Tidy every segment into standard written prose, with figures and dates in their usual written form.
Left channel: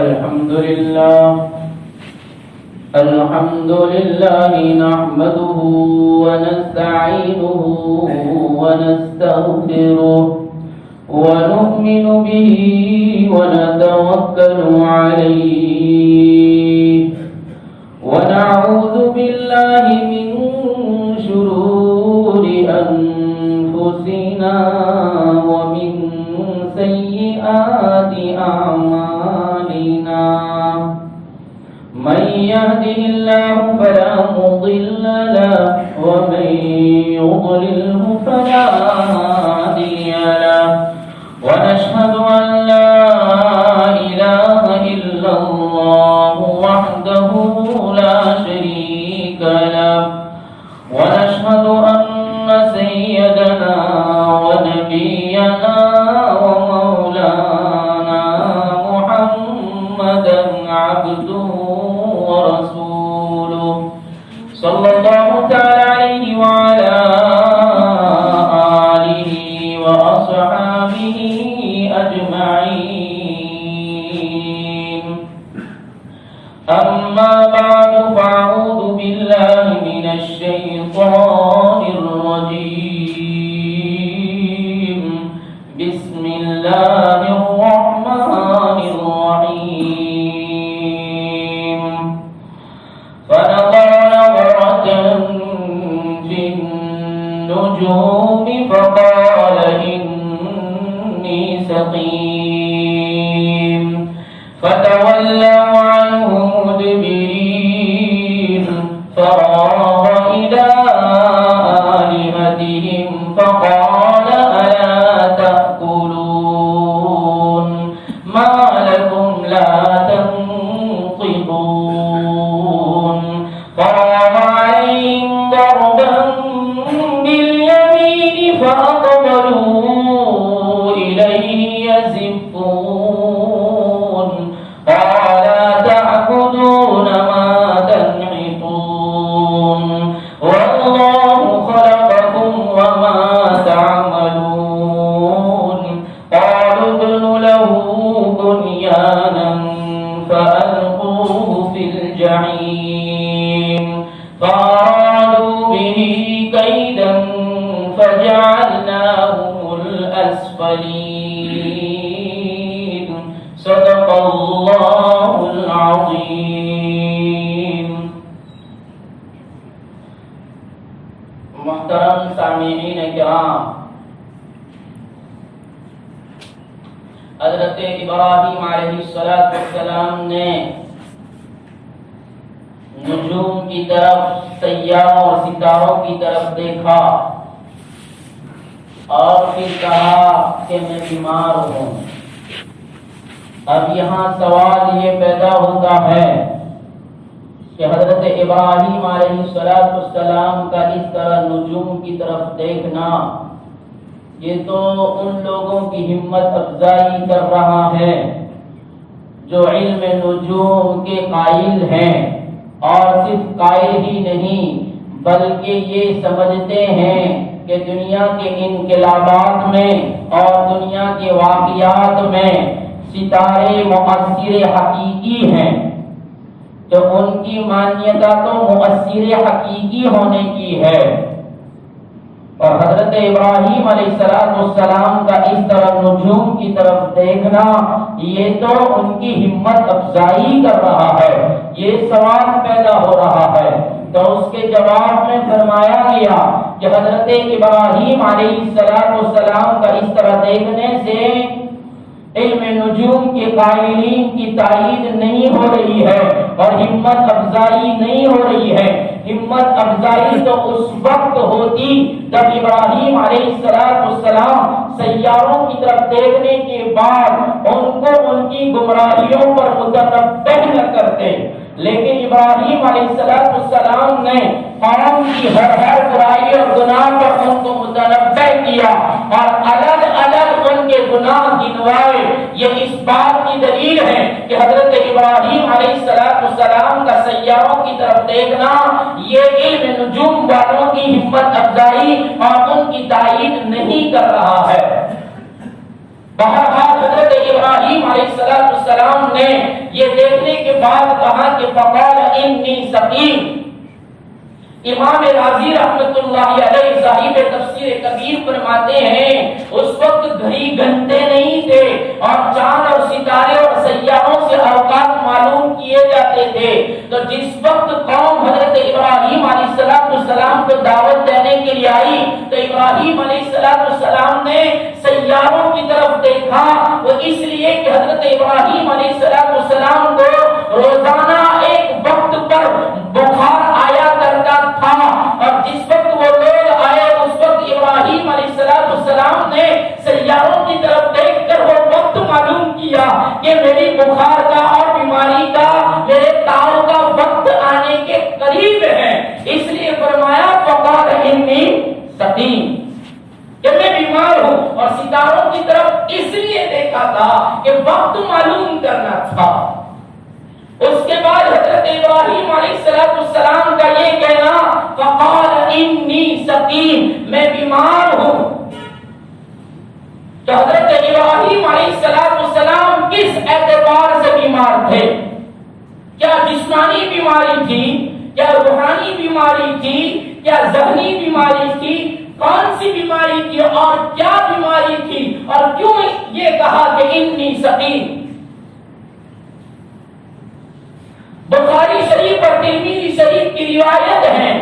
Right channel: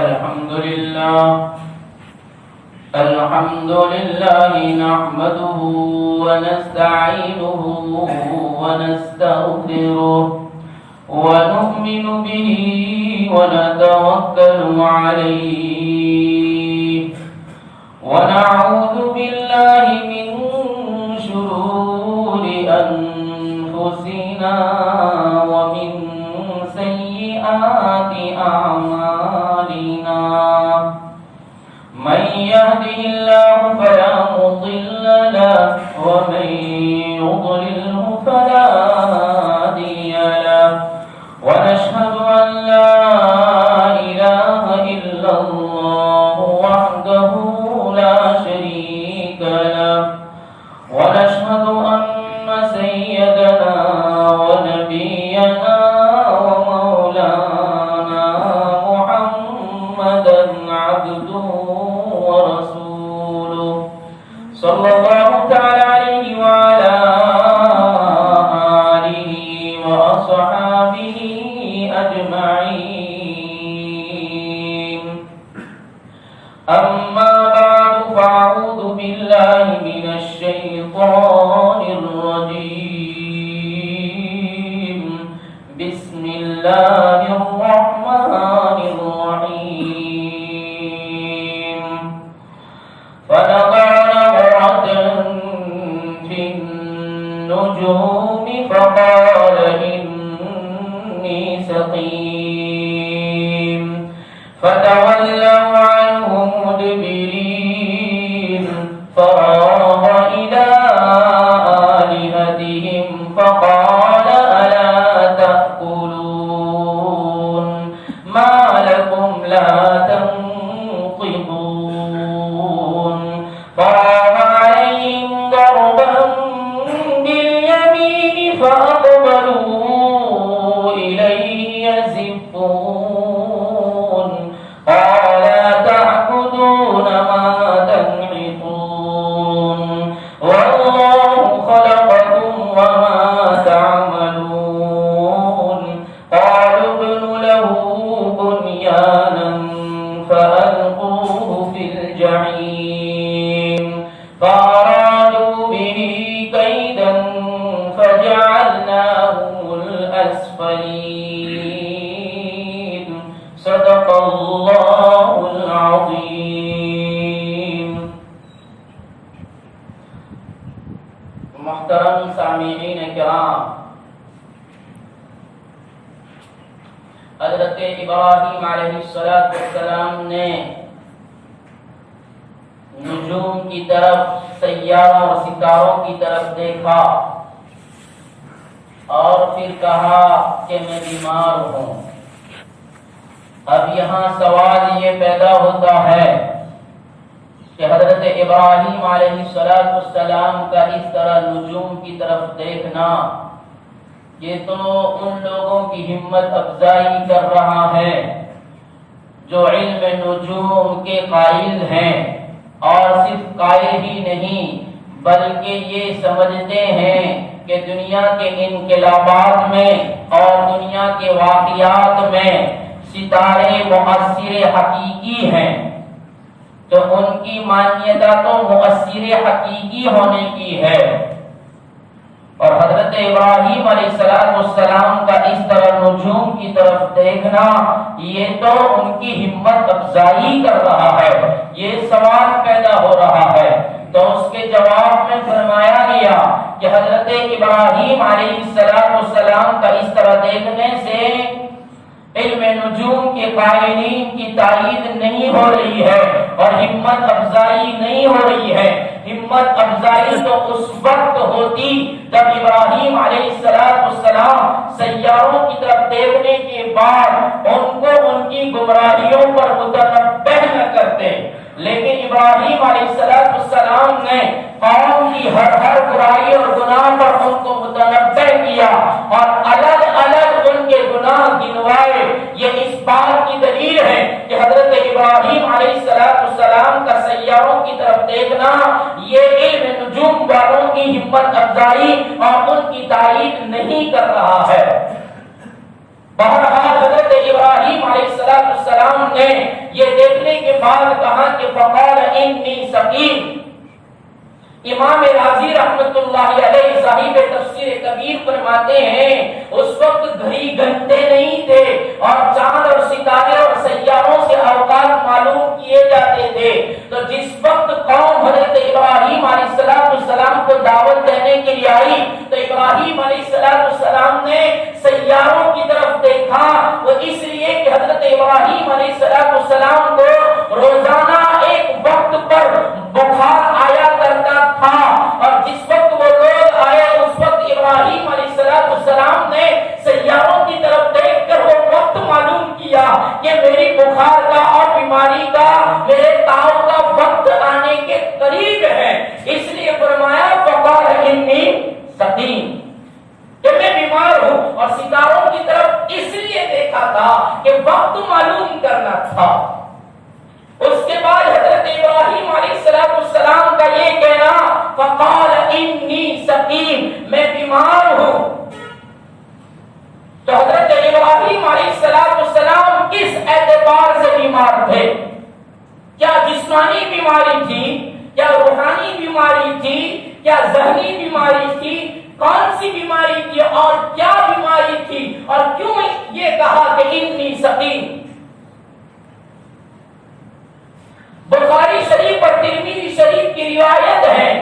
الحمد لله نحمده ونستعينه ونستغفره ونؤمن به ونتوكل عليه ونعوذ بالله من شرور أنفسنا ومن سيئات أعمالنا من يهده الله فلا مضل له ومن يضلله فلا هادي له ونشهد أن لا إله إلا الله وحده لا شريك له ونشهد أن سيدنا ونبينا ومولانا محمدا عبده ورسوله صلى الله تعالى عليه وعلى آله وأصحابه أجمعين أما بعد فأعوذ بالله من الشيطان الرجيم بسم الله الرحمن الرحيم فنظر نظرة في النجوم فقال إني سقيم فتولوا عنه مدبرين فراغ إلى آلهتهم فقال ألا تأكلون ما لكم لا تنطقون فراغ عليهم ضربا باليمين فأقبلوا إليه يزفون قال تعبدون ما تنحتون والله خلقكم وما تعملون قالوا ابنوا له بنيانا فألقوه في الجحيم فأرادوا به كيدا فجعلناهم الأسفلين صدق الله العظيم. محترم سامعین کرام، حضرت ابراہیم علیہ السلام نے نجوم کی طرف، سیاروں اور ستاروں کی طرف دیکھا اور پھر کہا کہ میں بیمار ہوں. اب یہاں سوال یہ پیدا ہوتا ہے کہ حضرت ابراہیم علیہ السلام کا اس طرح نجوم کی طرف دیکھنا، یہ تو ان لوگوں کی ہمت افزائی کر رہا ہے جو علم نجوم کے قائل ہیں، اور صرف قائل ہی نہیں بلکہ یہ سمجھتے ہیں کہ دنیا کے انقلابات میں اور دنیا کے واقعات میں ستارے مؤثر حقیقی ہیں، تو ان کی مانیتا تو مؤثر حقیقی ہونے کی ہے. اور حضرت ابراہیم علیہ السلام کا اس طرح نجوم کی طرف دیکھنا، یہ تو ان کی ہمت افزائی کر رہا ہے. یہ سوال پیدا ہو رہا ہے تو اس کے جواب میں فرمایا گیا کہ حضرت ابراہیم علیہ السلام کا اس طرح دیکھنے سے علم نجوم کے قائلین کی تائید نہیں ہو رہی ہے اور ہمت افزائی نہیں ہو رہی ہے. ہمت افزائی تو اس وقت ہوتی جب ابراہیم علیہ السلام سیاروں کی طرف دیکھنے کے بعد ان کو ان کی گمراہیوں پر متنبہ نہ کرتے، لیکن ابراہیم علیہ السلام نے قوم کی ہر برائی اور گناہ پر ان کو متنبہ کیا اور الگ الگ ان کے گناہ گنوائے. یہ اس بات کی دلیل ہے کہ حضرت ابراہیم علیہ السلام کا سیاروں کی طرف دیکھنا یہ علم نجوم والوں کی ہمت افزائی اور ان کی تائید نہیں کر رہا ہے. بہرحال حضرت ابراہیم علیہ السلام نے یہ دیکھنے کے بعد کہا کہ فقال انی سقیم۔ امام راضی رحمت اللہ علیہ صاحب تفسیر کبیر فرماتے ہیں اس وقت گھڑی گھنٹے نہیں تھے اور چاند اور ستارے اور سیاروں سے اوقات معلوم کیے جاتے تھے، تو جس وقت قوم حضرت ابراہیم علیہ السلام کو دعوت دینے کے لیے آئی تو ابراہیم علیہ السلام نے سیاروں کی طرف دیکھا، وہ اس لیے کہ حضرت ابراہیم علیہ السلام کو روزانہ ایک وقت پر بخار آیا کرتا تھا، اور جس وقت وہ لوگ آئے اس وقت ابراہیم علیہ السلام نے سیاروں کی طرف دیکھ کر وہ وقت معلوم کیا کہ میری بخار کا اور بیماری کا، میرے تاؤ کا وقت آنے کے قریب ہے، اس لیے فرمایا فقال انی سقیم کہ میں بیمار ہوں، اور ستاروں کی طرف اس لیے دیکھا تھا کہ وقت معلوم کرنا تھا۔ اس کے بعد حضرت ابراہیم علیہ السلام کا یہ کہنا فقال انی سقیم، میں بیمار ہوں۔ تو حضرت ابراہیم علیہ السلام کس اعتبار سے بیمار تھے؟ کیا جسمانی بیماری تھی؟ کیا روحانی بیماری تھی؟ کیا ذہنی بیماری تھی؟ کون سی بیماری تھی اور کیا بیماری تھی، اور کیوں یہ کہا کہ انی سقیم؟ بخاری شریف اور ترمذی شریف کی روایت ہے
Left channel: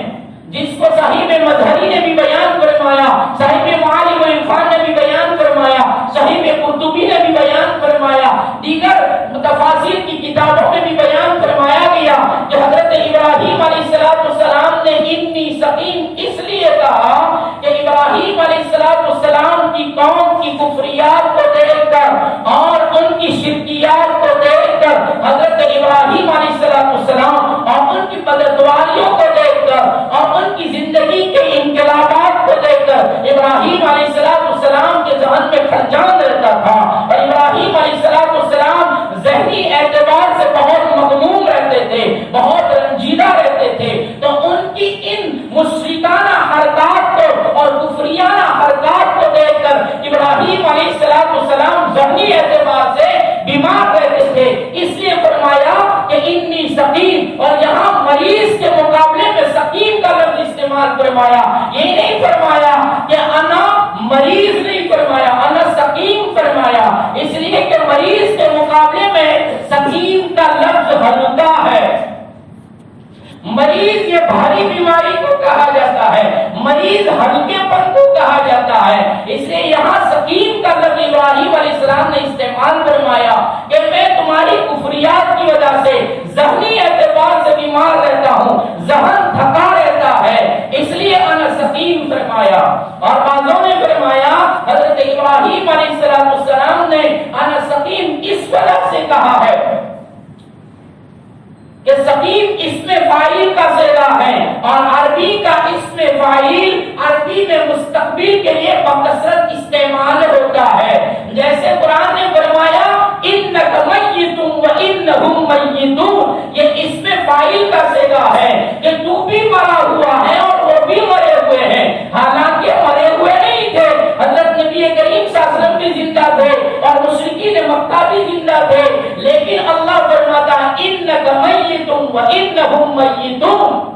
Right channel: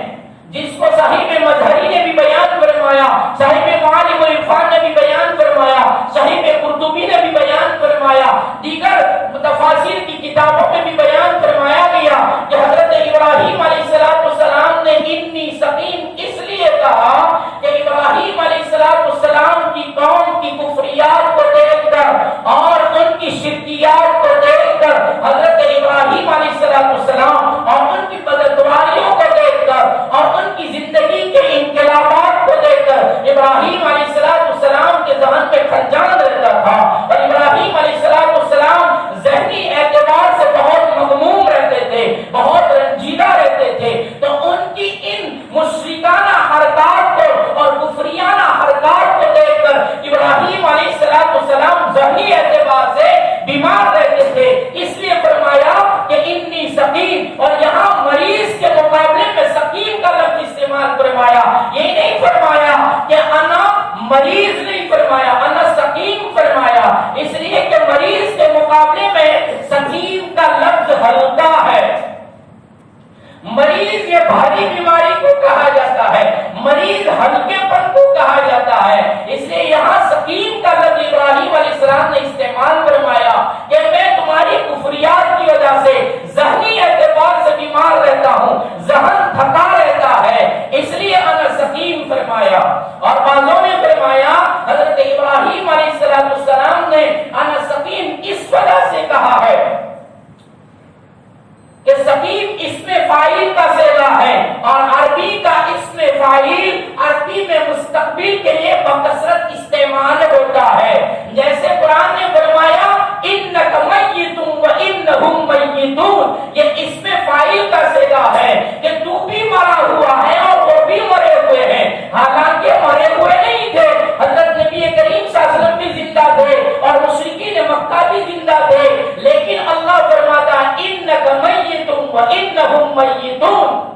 جس کو صحیح مظہری نے بھی بیان فرمایا، صحیح معالم العرفان نے بھی بیان فرمایا، صحیح قرطبی نے بھی بیان فرمایا، دیگر تفاسیر کی کتابوں میں بھی بیان فرمایا گیا کہ حضرت ابراہیم علیہ السلام نے انی سقیم اس لیے کہا کہ ابراہیم علیہ السلام کی قوم کی کفریات کو دیکھ کر اور ان کی شرکیات کو دیکھ کر حضرت ابراہیم علیہ السلام اور ان کی بددعائیوں کو دیکھ کر اور ان کی زندگی کے انقلابات کو دیکھ کر ابراہیم علیہ السلام کے ذہن میں خلجان رہتا تھا، اور ابراہیم علیہ السلام ذہنی اعتبار سے بہت مغموم رہتے تھے، بہت رنجیدہ رہتے تھے، تو ان کی ان مشرکانہ حرکات کو اور کفریانہ حرکات کو دیکھ کر ابراہیم علیہ السلام ذہنی اعتبار سے بیمار رہتے تھے، اس لیے فرمایا کہ انی سقیم، اور یہاں مریض کے مقابلے میں سقیم کا لفظ استعمال فرمایا، یہ نہیں فرمایا کہ انا مریض، نہیں فرمایا انا سقیم فرمایا، اس لیے کہ مریض کے مقابلے میں سقیم کا لفظ ہلکا ہے۔ مریض یہ بھاری بیماری کو کہا جاتا ہے، مریض ہلکے پن کو کہا جاتا ہے، اس لیے یہاں سقیم کا لفظ ابراہیم علیہ السلام نے استعمال فرمایا کہ میں تمہاری کفریات کی وجہ سے ذہنی اعتبار سے بیمار رہتا ہوں، ذہن تھکا رہتا ہے، اس لیے انا سقیم فرمایا۔ اور بعضوں نے فرمایا حضرت ابراہیم علیہ السلام نے انا سقیم اس وجہ سے کہا ہے کہ سقیم اسم فاعل کا صیغہ ہے، اور عربی کا اسم فاعل عربی میں مستقبل کے لیے بکثرت استعمال ہوتا ہے، جیسے قرآن نے فرمایا انک میت وانہم میتون، یہ اسم فاعل کا صیغہ ہے کہ تو بھی مرا ہوا ہے اور وہ بھی مرے ہوئے ہیں، حالانکہ مرے ہوئے نہیں تھے، حضرت نبی کریم صلی اللہ علیہ وسلم بھی زندہ تھے اور مشرکین مکہ بھی زندہ تھے، لیکن اللہ فرماتا انک میت وانہم میتون،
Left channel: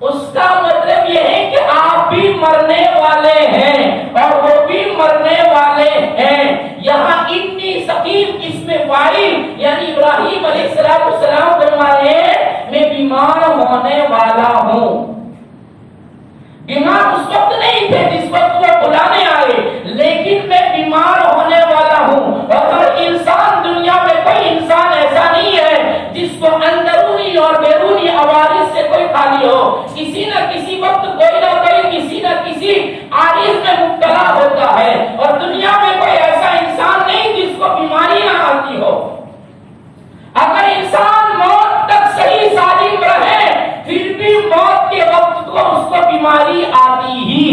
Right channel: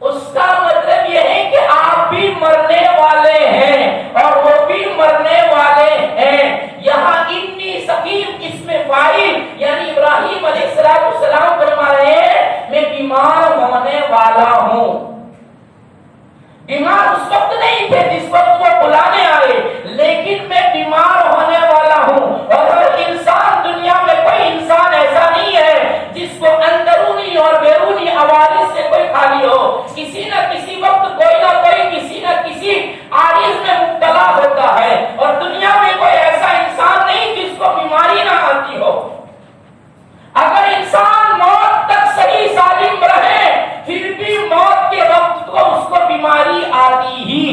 اس کا مطلب یہ ہے کہ آپ بھی مرنے والے ہیں اور وہ بھی مرنے والے ہیں۔ یہاں انی سقیم اسم فاعل یعنی ابراہیم علیہ السلام فرما رہے ہیں میں بیمار ہونے والا ہوں۔ بیمار اس وقت نہیں تھے جس وقت وہ بلانے آئے، لیکن میں بیمار ہونے والا ہوں، اور ہر انسان دنیا میں کوئی انسان ایسا نہیں ہے جس کو اندرونی اور بیرونی عوارض سے کوئی خالی ہو، کسی نہ کسی وقت کوئی نہ کوئی کسی نہ کسی عارض میں مبتلا ہوتا ہے، اور دنیا میں کوئی ایسا انسان نہیں جس کو بیماری نہ آتی ہو۔ اگر انسان موت تک صحیح سالم رہے پھر بھی موت کے وقت کو اس کو بیماری آتی ہی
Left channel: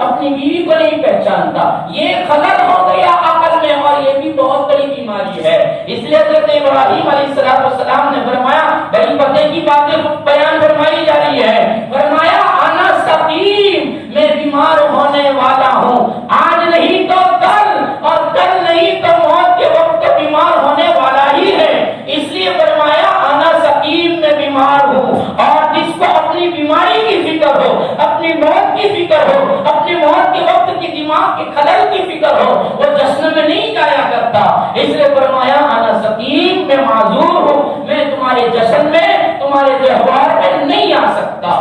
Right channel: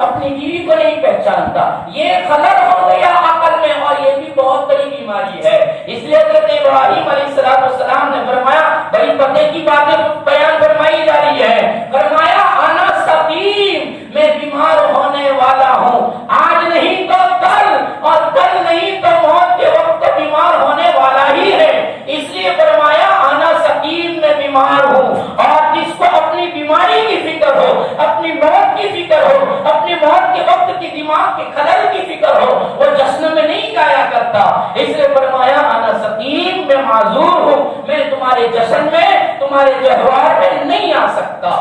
اپنی بیوی کو نہیں پہچانتا، یہ خلل ہو گیا عقل میں، اور یہ بھی بہت بڑی بیماری ہے۔ اس لیے حضرت ابراہیم علیہ السلام نے فرمایا، بڑی پتے کی باتیں بیان فرمائی جا رہی ہے، فرمایا انا سقیم، میں بیمار ہونے والا ہوں، آج نہیں تو کل، اور کل نہیں تو موت کے وقت بیمار ہونے والا ہی ہے۔ اس لیے فرمایا انا سقیم، میں بیمار ہوں۔ اور جس کو اپنی بیماری کی فکر ہو، اپنی موت کی فکر ہو، اپنی موت کے وقت کی دماغ کے خلل کی فکر ہو، وہ جشن میں نہیں جایا کرتا۔ اس لیے فرمایا انا سقیم، میں معذور ہوں، میں تمہارے جشن میں، تمہارے تہوار میں نہیں آ سکتا۔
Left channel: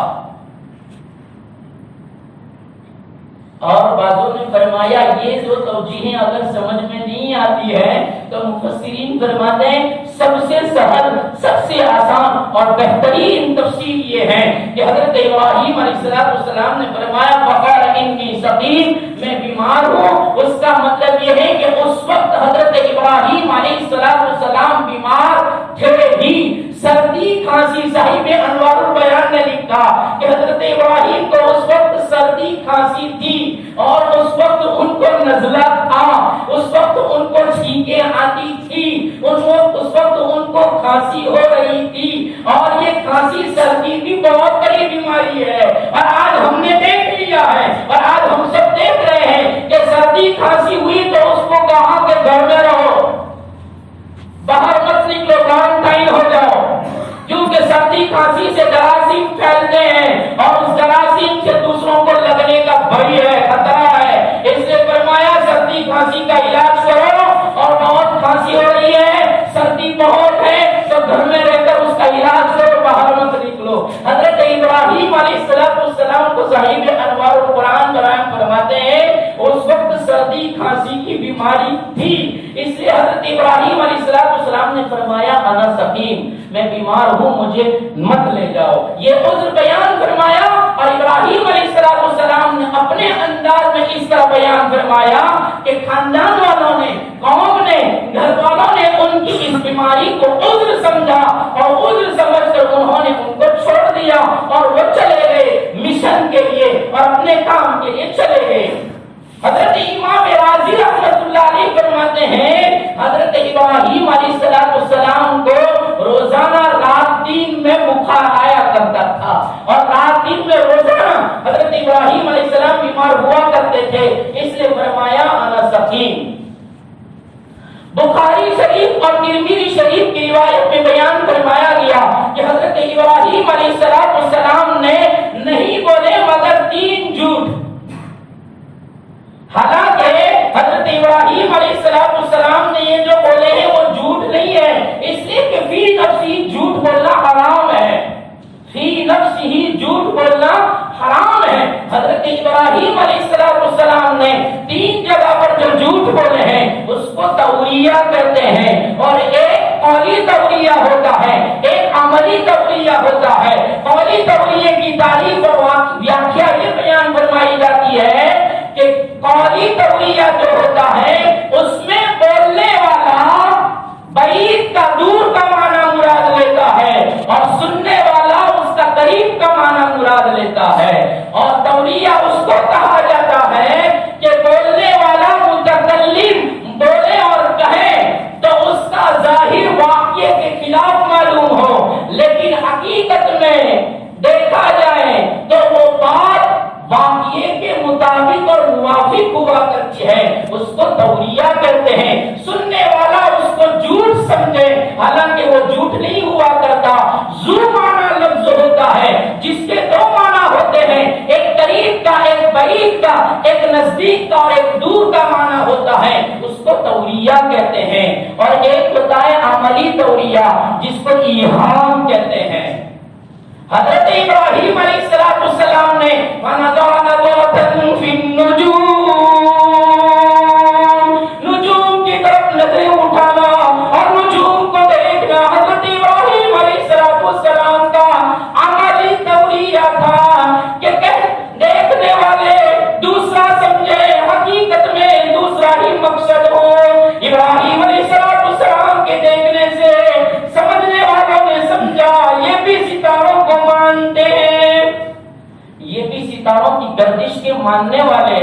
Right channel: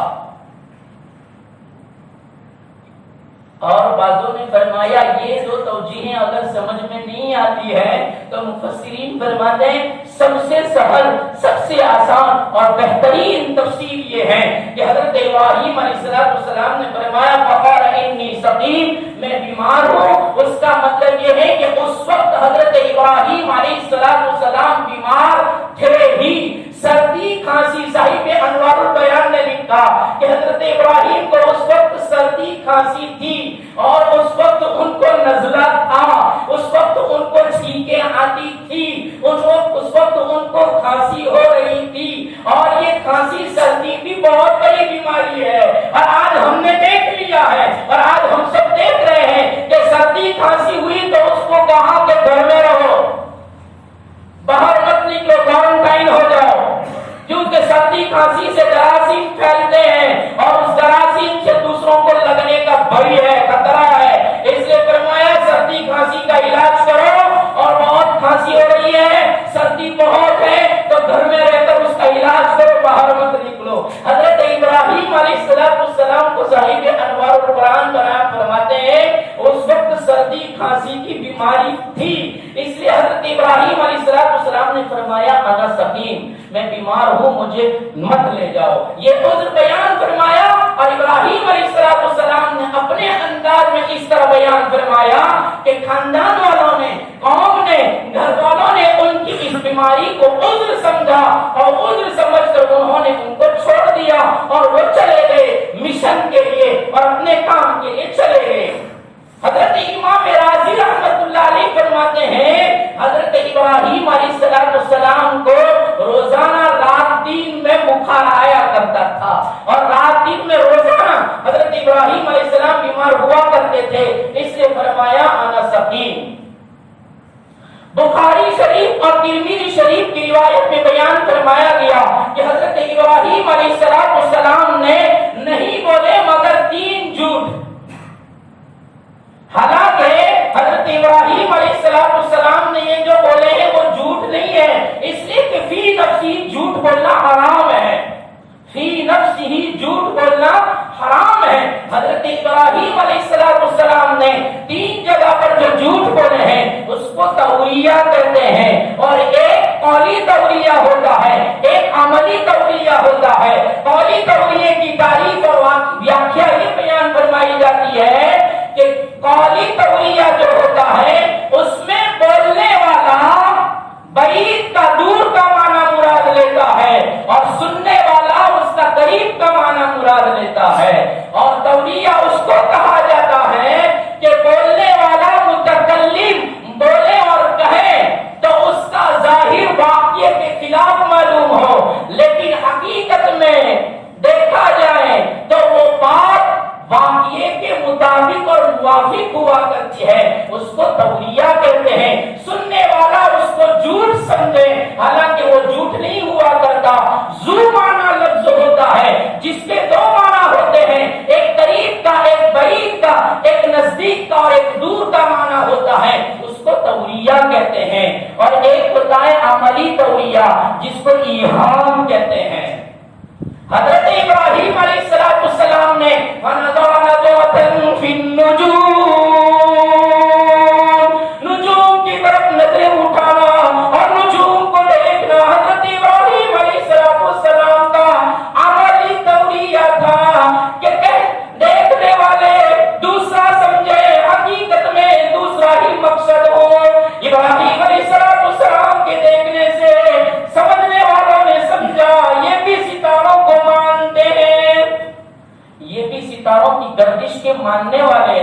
اور بعضوں نے فرمایا یہ جو توجیہیں اگر سمجھ میں نہیں آتی ہے تو مفسرین فرماتے ہیں سب سے سہل، سب سے آسان اور بہترین تفسیر یہ ہے کہ حضرت ابراہیم علیہ السلام نے فرمایا فقال انی سقیم، میں بیمار ہوں، اس کا مطلب یہ ہے کہ اس وقت حضرت ابراہیم علیہ السلام بیمار تھے ہی۔ سردی کھانسی، صاحب انوار البیان نے لکھا کہ حضرت ابراہیم کو اس وقت سردی کھانسی تھی، اور اس وقت ان کو نزلہ تھا، اس وقت ان کو چھینکیں آتی تھی، اس وقت ان کو کھانسی ہو رہی تھی، اور یہ کھانسی سردی بھی بہت بڑی بیماری ہے۔ اور آج ہم نے دیکھ لیا ہے، اور آج ہم سب دیکھ رہے ہیں کہ سردی کھانسی ہوئی تو اس کو کہا کہ گھر میں رہو، باہر مت نکلو، کوارنٹائن ہو جاؤ، کیونکہ سردی کھانسی سے جراثیم پھیلتے ہیں، اور اس جراثیم سے دوسروں کو لگنے کا بھئی ہے، خطرہ ہے۔ اس لیے فرمایا سردی کھانسی کا علاج کرو، اور بہت کھانسی ہو رہی ہے، سردی بہت ہے، تو گھر میں رہ کر اس کا علاج کرو، باہر مت نکلو۔ حضرت ابراہیم علیہ السلام کو صاحب انوار القرآن بیان فرماتے ہیں اس وقت سردی کھانسی کی بیماری تھی، اس لیے حضرت ابراہیم علیہ السلام نے فرمایا انا سقیم، میں بیمار ہوں، مجھے مت لے جاؤ۔ یہ عذر بیان فرمایا، اور ابراہیم علیہ السلام نے اپنے انداز میں اس طرح بیان فرمایا کہ خاندان والوں نے، قوم نے، گھر والوں نے ان کی اس بیماری کو عذر سمجھا، اور عذر سمجھ کر انہوں نے ان کو چھوڑ دیا، اور وہ چلے گئے مشن کے لیے اور اپنے کام کے لیے چلے گئے۔ حضرت امام راضی رحمۃ اللہ علیہ فرماتے ہیں حضرت ابراہیم علیہ السلام کو روزانہ رات دن میں بخار آیا کرتا تھا، اور رات دن میں روزانہ حضرت ابراہیم علیہ السلام بیمار ہوا کرتے تھے، اس لیے فرمایا انا سقیم۔ بخاری شریف اور ترمذی شریف کی روایت میں بیان فرمایا گیا کہ حضرت ابراہیم علیہ السلام نے نہیں بولے مگر 3 جھوٹ۔ حالانکہ حضرت ابراہیم علیہ السلام نے یہ جو بولے ہیں وہ جھوٹ نہیں ہے، اس لیے کہ فی نفسی جھوٹ بولنا حرام ہے، فی نفسی ہی جھوٹ بولنا حرام ہے۔ حضرت ابراہیم علیہ السلام نے 3 جگہ پر جو جھوٹ بولے ہیں اس کو تولیہ کہتے ہیں، اور ایک قولی تولیہ ہوتا ہے، ایک عملی تولیہ ہوتا ہے۔ قولی تولیہ کی تعریف اور ویاخیا یہ بیان فرمائی جاتی ہے کہ قولی تولیہ جو ہوتا ہے اس میں بولنے والا بعید کا، دور کا معنی مراد لیتا ہے، اور سننے والا اس کا قریب کا معنی مراد لیتا ہے۔ اور تولیہ اس کو کہا جاتا ہے کہ بولنے والا متکلم بولے اور کہے تو اس کا ظاہر واقعے کے خلاف معلوم ہو، لیکن حقیقت میں دیکھا جائے تو وہ بات واقعے کے مطابق اور موافق ہوا کرتی ہے، اس کو تولیہ کہتے ہیں۔ سننے والا اس کو جھوٹ سمجھے، حالانکہ وہ جھوٹ نہیں ہوا کرتا۔ ذو معنی لفظ ہوتا ہے جس کے 2 معنی ہوتے ہیں، ایک قریب کا، ایک بعید کا، ایک نزدیک کا اور ایک دور کا معنی ہوتا ہے، اس کو تولیہ کہتے ہیں۔ اور ایک ہوتا ہے عملی تولیہ جس کو ایہام کہتے ہیں۔ حضرت ابراہیم علیہ السلام نے وَنَظَرَ نَظْرَةً فِي النُّجُومِ، نجوم کی طرف نظریں اٹھانا اور نجوم کو دیکھنا حضرت ابراہیم علیہ السلام کا عملی تولیہ تھا کہ دیکھنے والے دوسرا سمجھے، حقیقت میں دوسرا ہی مقصد ہو۔ ابراہیم علیہ السلام کے دیکھنے سے سمجھنے والوں نے سمجھا یہ بھی ستاروں کو مانتے ہیں، یہ بھی ستاروں کی گردش کے ماننے والے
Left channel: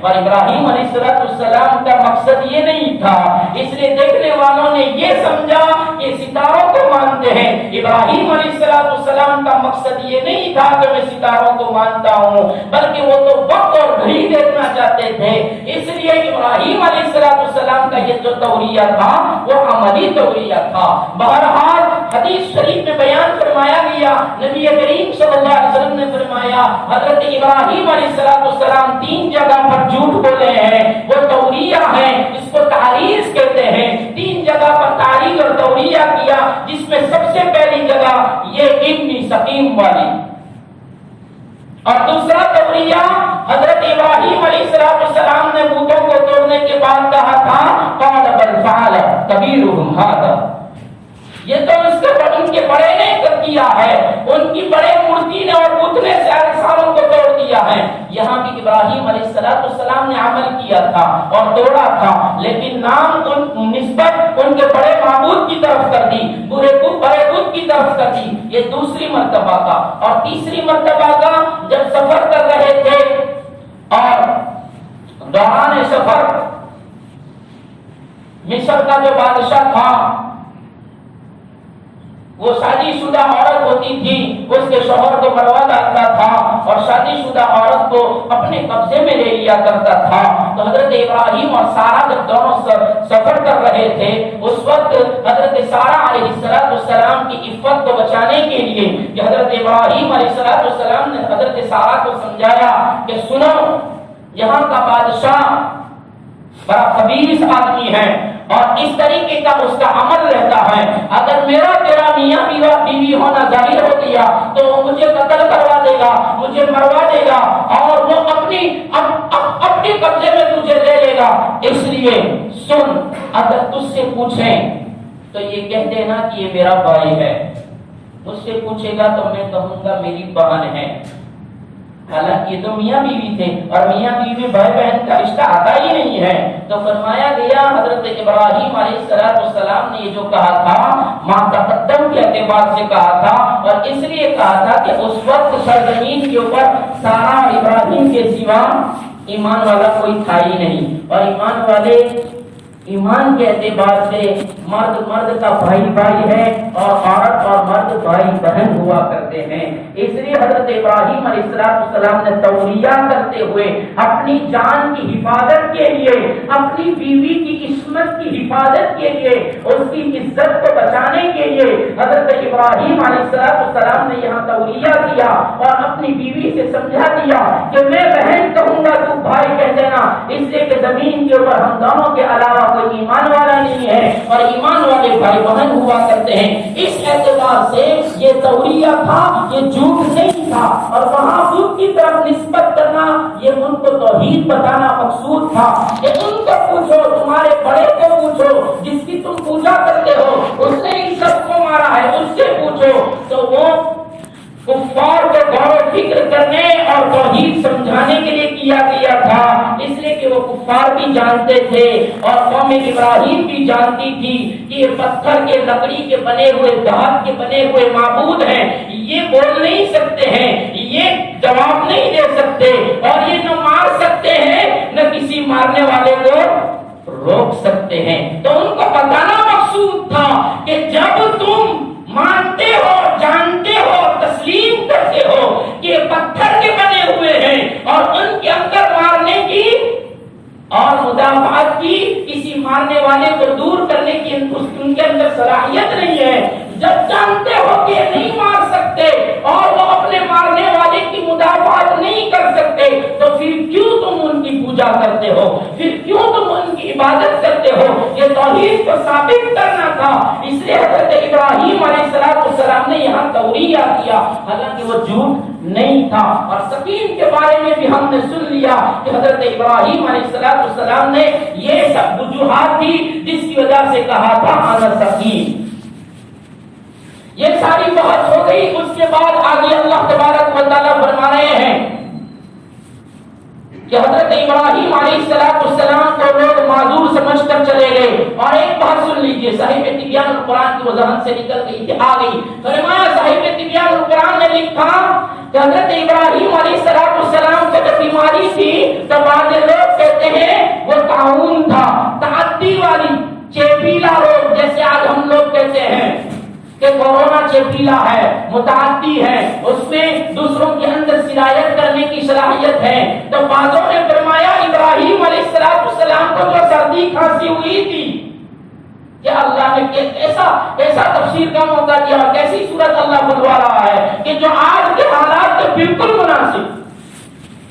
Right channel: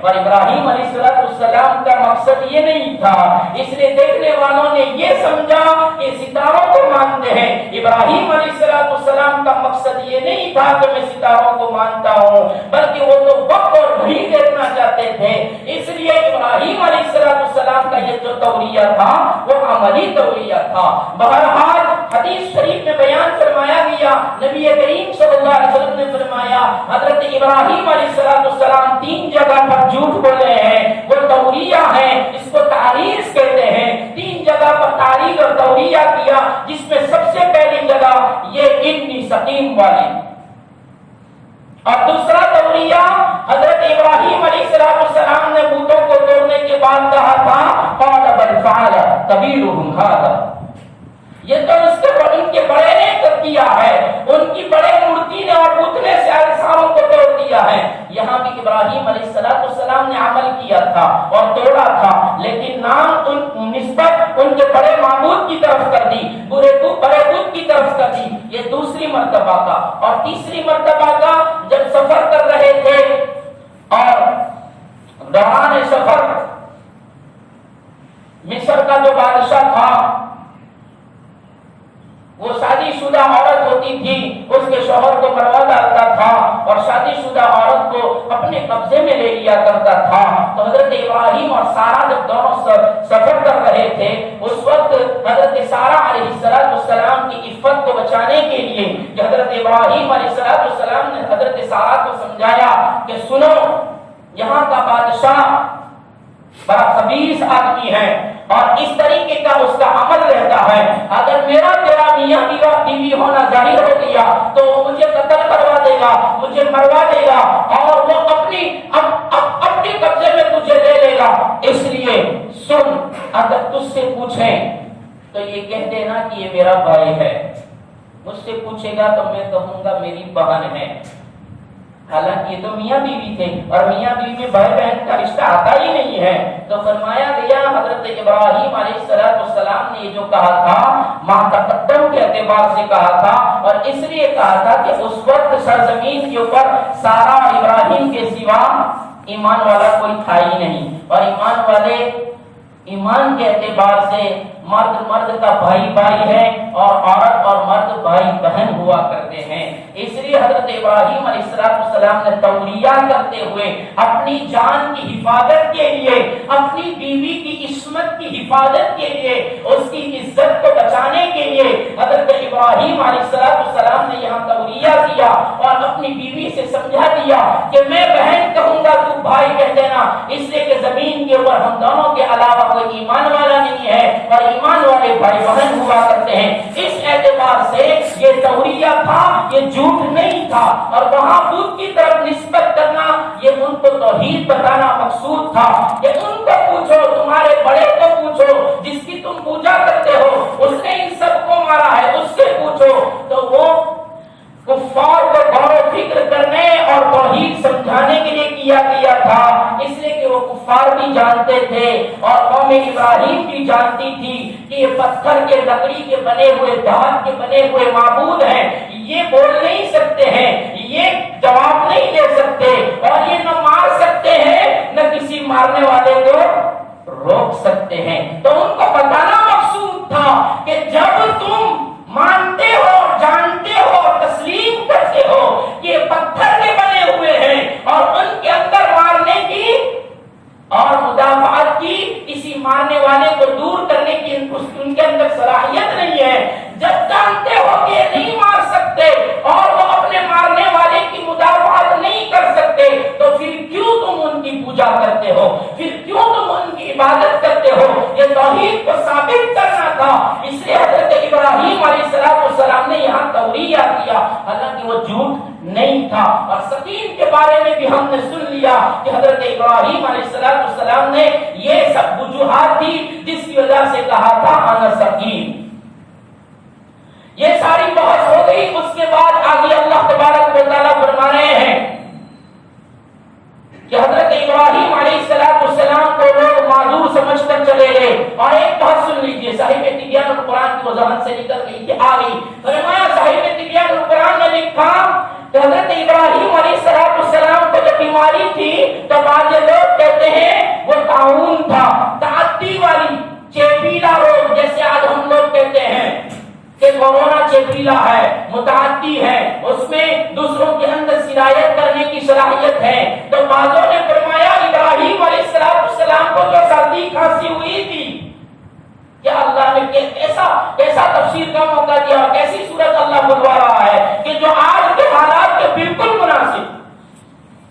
اور ابراہیم علیہ السلام کا مقصد یہ نہیں تھا، اس لیے دیکھنے والوں نے یہ سمجھا کہ ستاروں کو مانتے ہیں۔ ابراہیم علیہ السلام کا مقصد یہ نہیں تھا کہ میں ستاروں کو مانتا ہوں، بلکہ وہ تو وقت اور گھڑی دیکھنا چاہتے تھے۔ اس لیے ابراہیم علیہ السلام کا یہ جو توریہ تھا وہ عملی توریہ تھا۔ بہرحال حدیث شریف میں بیان فرمایا گیا، نبی کریم صلی اللہ علیہ وسلم نے فرمایا حضرت ابراہیم علیہ السلام 3 جگہ پر جھوٹ بولے ہیں، وہ توریہ ہے، اس کو تعریض کہتے ہیں۔ 3 جگہ پر تعریض اور توریہ کیا، جس میں سب سے پہلی جگہ یہ ابن سقیم والی، اور دوسرا توریہ حضرت ابراہیم علیہ السلام نے بتوں کو توڑنے کے بعد کہا تھا قال بل فعل کبیرهم ھذا، یہ تو ان کے بڑے نے کیا ہے، ان کی بڑے مورتی نے اور بت نے ساروں کو توڑ دیا ہے۔ یہاں بھی ابراہیم علیہ السلام نے عمل کیا تھا اور توڑا تھا، لیکن نام نسبت ان کے بڑے معبود کی طرف کر دی، بڑے بت کی طرف کر دی۔ یہ دوسری مرتبہ کا۔ اور تیسری مرتبہ کا جب سفر کر رہے تھے اور دوران سفر مصر کا جو بادشاہ تھا وہ شادی شدہ عورت ہوتی تھی، اس کے شوہر کو مروا ڈالتا تھا اور شادی شدہ عورت کو اپنے قبضے میں لے لیا کرتا تھا۔ تو حضرت ابراہیم اور سارہ جب دونوں سفر کر رہے تھے، اس وقت حضرت سارہ علیہ السلام کی عفت کو بچانے کے لیے کہ حضرت ابراہیم علیہ السلام نے حضرت سارہ کو سمجھایا کہ سنو، یہاں کا بادشاہ بڑا خبیث آدمی ہے اور اس طریقے کا اس کا عمل رہتا ہے، اگر میرا تیرا میاں بیوی ہونا ظاہر ہو گیا تو وہ مجھے قتل کروا دے گا، مجھے مروا دے گا اور وہ اپنی قبضے میں مجھے لے لے گا۔ اس لیے سن، اگر تجھ سے پوچھیں تو یہ کہہ دینا کہ یہ میرا بھائی ہے، مجھ سے پوچھے گا تو میں کہوں گا میری بہن ہے۔ حالانکہ یہ تو میاں بیوی تھے اور میاں بیوی میں بھائی بہن کا رشتہ آتا ہی نہیں ہے۔ تو فرمایا گیا حضرت ابراہیم علیہ السلام نے یہ جو کہا تھا ما تقدم کے اعتبار سے کہا تھا، اور اس لیے کہا تھا کہ اس وقت سرزمین کے اوپر سارہ اور ابراہیم کے سوا ایمان والا کوئی تھا ہی نہیں، اور ایمان والے ایمان کے اعتبار سے مرد کا بھائی ہے اور عورت اور مرد بھائی بہن ہوا کرتے ہیں۔ اس لیے حضرت ابراہیم علیہ السلام نے توریہ کرتے ہوئے اپنی جان کی حفاظت کے لیے، اپنی بیوی کی عصمت کی حفاظت کے لیے، اس کی عزت کو بچانے کے لیے حضرت ابراہیم علیہ السلام نے یہاں توریہ کیا اور اپنی بیوی سے سمجھا دیا کہ میں بہن کہوں گا تو بھائی کہہ دینا، اس لیے کہ زمین کے اوپر ہم دونوں کے علاوہ کوئی ایمان والا نہیں ہے اور ایمان والے بھائی بہن ہوا کرتے ہیں۔ اس اعتبار سے یہ توریہ تھا، یہ جھوٹ نہیں تھا، اور وہاں بت کی طرف نسبت کرنا یہ ان کو توحید بتانا مقصود تھا کہ ان کو پوچھو، تمہارے بڑے کو پوچھو جس کی تم پوجا کرتے ہو، اس نے ان سب کو مارا ہے، اس سے پوچھو۔ تو وہ کفار کو غور و فکر کرنے اور توحید سمجھانے کے لیے کیا گیا تھا، اس لیے کہ وہ کفار بھی جانتے تھے اور قوم ابراہیم بھی جانتی تھی کہ یہ پتھر کے لکڑی کے بنے ہوئے دھات کے بنے ہوئے معبود ہیں، یہ بول نہیں سکتے ہیں، یہ جواب نہیں دے سکتے اور یہ نہ مار سکتے ہیں نہ کسی مارنے والے کو روک سکتے ہیں۔ تو ان کو بتانا مقصود تھا کہ جب تم مانتے ہو، جانتے ہو، تسلیم کرتے ہو کہ یہ پتھر کے بنے ہوئے ہیں اور ان کے اندر مارنے کی اور مدافعت کی، کسی مارنے والے کو دور کرنے کی ان کے اندر صلاحیت نہیں ہے، جب جانتے ہو کہ یہ نہیں مار سکتے اور وہ اپنے مارنے والے کی مدافعت نہیں کر سکتے، تو پھر کیوں تم ان کی پوجا کرتے ہو، پھر کیوں تم ان کی عبادت کرتے ہو؟ یہ توحید کو ثابت کرنا تھا۔ اس لیے حضرت ابراہیم علیہ السلام نے یہاں توریہ کیا، حالانکہ وہ جھوٹ نہیں تھا۔ اور سکین کے بارے میں بھی ہم نے سن لیا کہ حضرت ابراہیم علیہ السلام نے یہ سب وجوہات تھی جس کی وجہ سے کہا تھا انا سکین۔ یہ ساری بحث ہو گئی، اس کے بعد آگے اللہ تبارک و تعالیٰ فرما رہے ہیں کہ حضرت ابراہیم علیہ السلام کو لوگ معذور سمجھ کر چلے گئے. اور ایک بات سن لیجئے، صاحب تبیان القرآن کی وضاحت سے نکل گئی آ گئی. فرمایا صاحب تبیان القرآن نے لکھا کہ حضرت ابراہیم علیہ السلام کو جب بیماری تھی تو بعض لوگ کہتے ہیں وہ طاعون تھا، تعدی والی چیپیلا روگ، جیسے آج ہم لوگ کہتے ہیں کہ کورونا چیپیلا ہے، متعدی ہے، اس میں دوسروں کے اندر سرایت کرنے کی صلاحیت ہے. تو بعضوں نے فرمایا ابراہیم علیہ السلام کو جو سردی کھانسی ہوئی تھی، کیا اللہ نے ایسا تفسیر کا موقع دیا، کیسی صورت اللہ بلوا رہا ہے کہ جو آج کے حالات کے بالکل مناسب،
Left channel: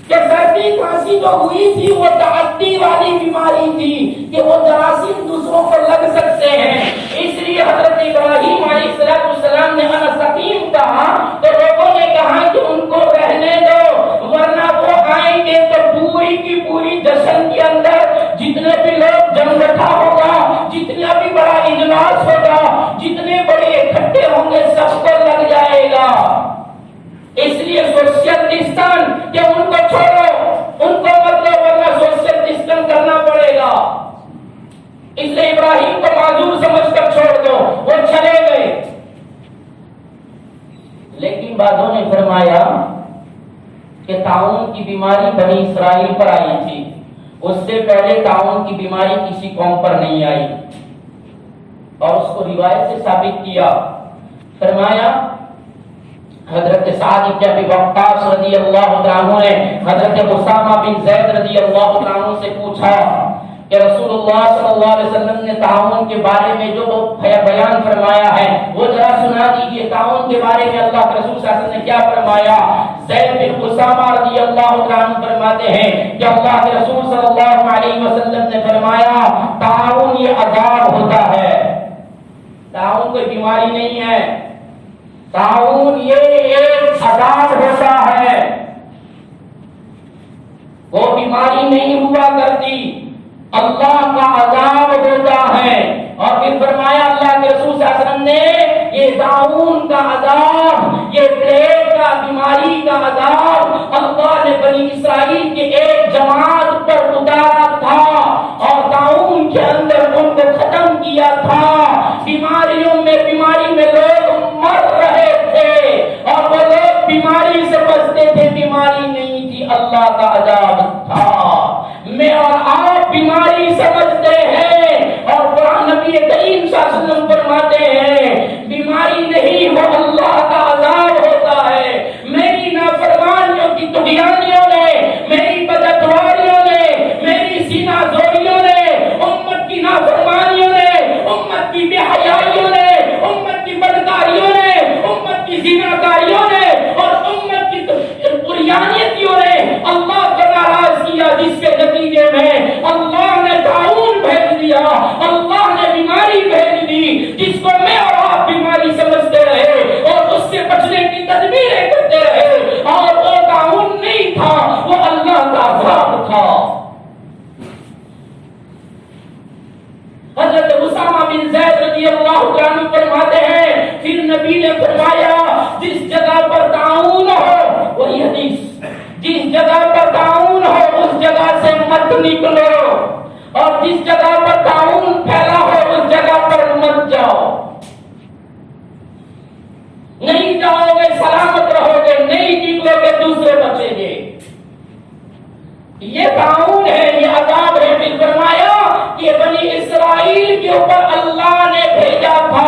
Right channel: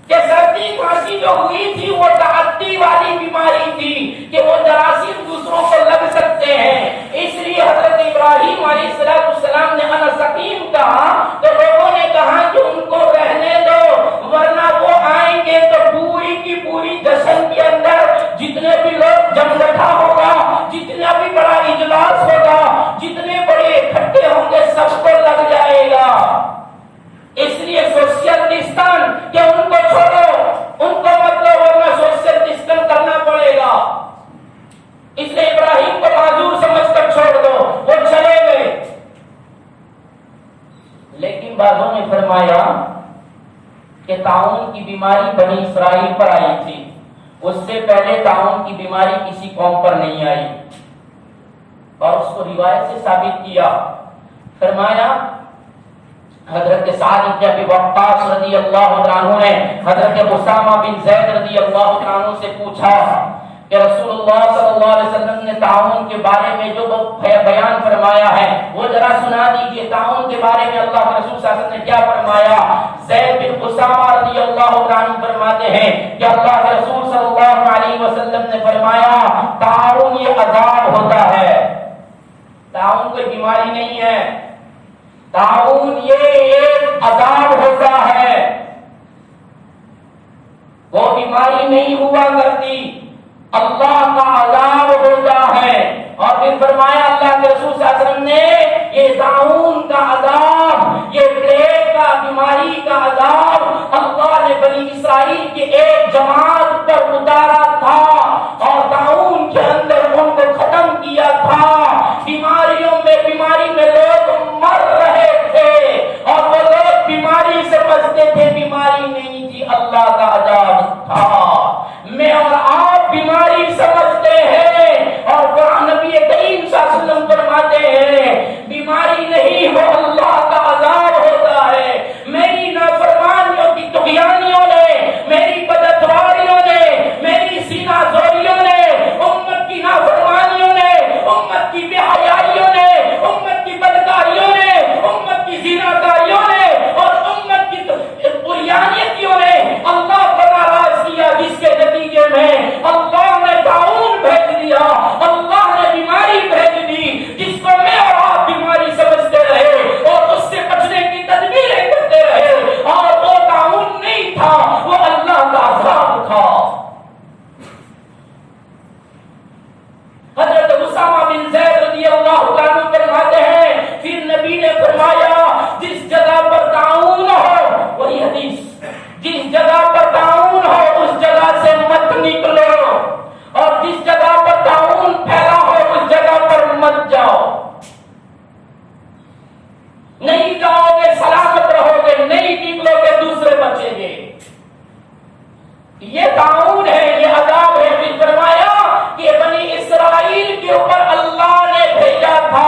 کہ سردی کھانسی جو ہوئی تھی وہ تعدی والی بیماری تھی کہ وہ جراثیم دوسروں کو لگ سکتے ہیں. اس لیے حضرت ابراہیم علیہ السلام نے انا سقیم کہا تو لوگوں نے کہا کہ ان کو رہنے دو، ورنہ وہ آئیں گے تو پوری کی پوری جشن کے اندر جتنے بھی لوگ جم بیٹھا ہوگا، جتنا بھی بڑا اجلاس ہوگا، جتنے بڑے اکٹھے ہوں گے، سب کو لگ جائے گا. اس لیے سوشل ڈسٹنس کہ ان کو چھوڑو، ان کو مطلب ورنہ سوشل ڈسٹنس کرنا پڑے گا. اس لیے ابراہیم کو معذور سمجھ کر چھوڑ دو، وہ چلے گئے. لیکن بعضوں نے فرمایا کہ طاعون کی بیماری بنی اسرائیل پر آئی تھی، اس سے پہلے طاعون کی بیماری کسی قوم پر نہیں آئی، اور اس کو روایت سے ثابت کیا. فرمایا حضرت سعد بن ابی وقاص رضی اللہ عنہ نے حضرت اسامہ بن زید رضی اللہ عنہ سے پوچھا کہ رسول اللہ صلی اللہ علیہ وسلم نے طاعون کے بارے میں جو بیان فرمایا ہے وہ ذرا سنا دیجئے. طاعون کے بارے میں اللہ کے رسول صلی اللہ علیہ وسلم نے کیا فرمایا؟ زید بن اسامہ رضی اللہ عنہ فرماتے ہیں کہ اللہ کے رسول صلی اللہ علیہ وسلم نے فرمایا طاعون یہ عذاب ہوتا ہے. طاعون کوئی بیماری نہیں ہے، طاعون یہ ایک عذاب ہوتا ہے، وہ بیماری نہیں ہوا کرتی، اللہ کا عذاب ہوتا ہے. اور پھر فرمایا اللہ کے رسول صلی اللہ علیہ وسلم نے یہ طاعون کا عذاب، یہ پلیگ کا بیماری کا عذاب اللہ نے بنی اسرائیل کے ایک جماعت پر اتارا تھا اور طاعون کے اندر ان کو ختم کیا تھا. بیماری میں لوگ مر رہے تھے اور وہ لوگ بیماری سے بچتے تھے، بیماری نہیں تھی، اللہ کا عذاب تھا. میں اور آپ بیماری سمجھتے ہیں اور قرآن نبی کریم صلی اللہ علیہ وسلم فرماتے ہیں بیماری نہیں، وہ اللہ کا عذاب ہوتا ہے. میری نافرمانیوں کی طغیانیوں نے، میری بدعتواریوں نے، میری سینہ زوریوں نے، امت کی نافرمانیوں نے، امت کی بے حیائیوں نے، امت کی بدکاریوں نے، امت کی زناکاریوں نے اور امت کی طغیانیتوں نے اللہ کو ناراض کیا، جس کے نتیجے میں اللہ نے طاعون بھیج دیا، اللہ نے بیماری بھیج دی جس کو میں اور آپ بیماری سمجھتے رہے اور اس سے بچنے کی تدبیریں کرتے رہے، اور وہ طاعون نہیں تھا، وہ اللہ کا عذاب تھا. حضرت اسامہ بن زید رضی اللہ عنہ فرماتے ہیں پھر نبی نے فرمایا جس جگہ پر طاعون ہو، وہی حدیث، جس جگہ پر طاعون ہو اس جگہ سے مت نکلو، اور جس جگہ پر طاعون پھیلا ہو اس جگہ پر مت جاؤ. نہیں جاؤ گے سلامت رہو گے، نہیں نکلو گے دوسرے بچیں گے. یہ طاعون ہے، یہ عذاب ہے. پھر فرمایا کہ بنی اسرائیل کے اوپر اللہ نے بھیجا تھا،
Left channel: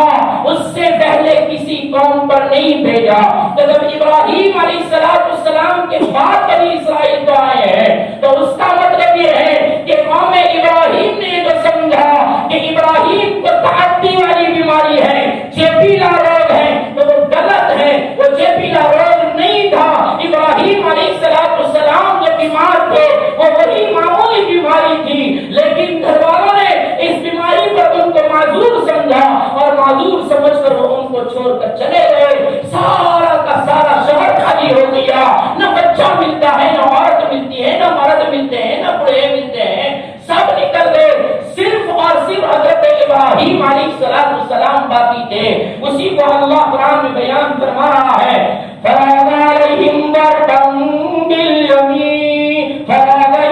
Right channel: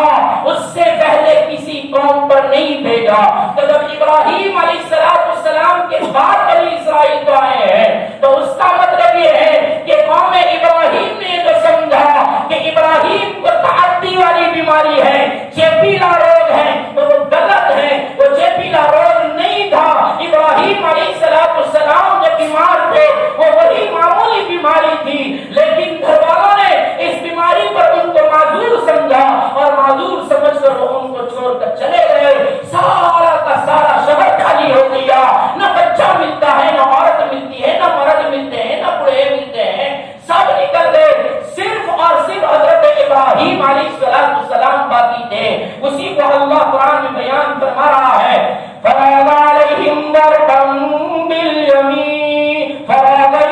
اس سے پہلے کسی قوم پر نہیں بھیجا. تو جب ابراہیم علیہ السلام کے بعد بنی اسرائیل کو آئے ہیں تو اس کا مطلب یہ ہے کہ قوم ابراہیم نے جو سمجھا کہ ابراہیم کو تعدی والی بیماری ہے، چیپیلا روگ ہے، تو وہ غلط ہے. وہ چیپیلا روگ نہیں تھا. ابراہیم علیہ السلام جو بیمار تھے وہ وہی معمولی بیماری تھی، لیکن گھر والوں نے اس بیماری پر ان کو معذور سمجھا اور معذور سمجھ کر وہ ان کو چھوڑ کر چلے گئے. سارا کا سارا شہر خالی ہو گیا، نہ بچہ ملتا ہے، نہ عورت ملتی ہے، نہ مرد ملتے ہیں، نہ بوڑھے ملتے ہیں، سب نکل گئے. صرف اور صرف حضرت ابراہیم علیہ السلام باقی تھے. اسی کو اللہ قرآن میں بیان فرما رہا ہے فَنَادَى عَلَيْهِمْ ضَرْبًا بِالْيَمِينِ فَنَادَى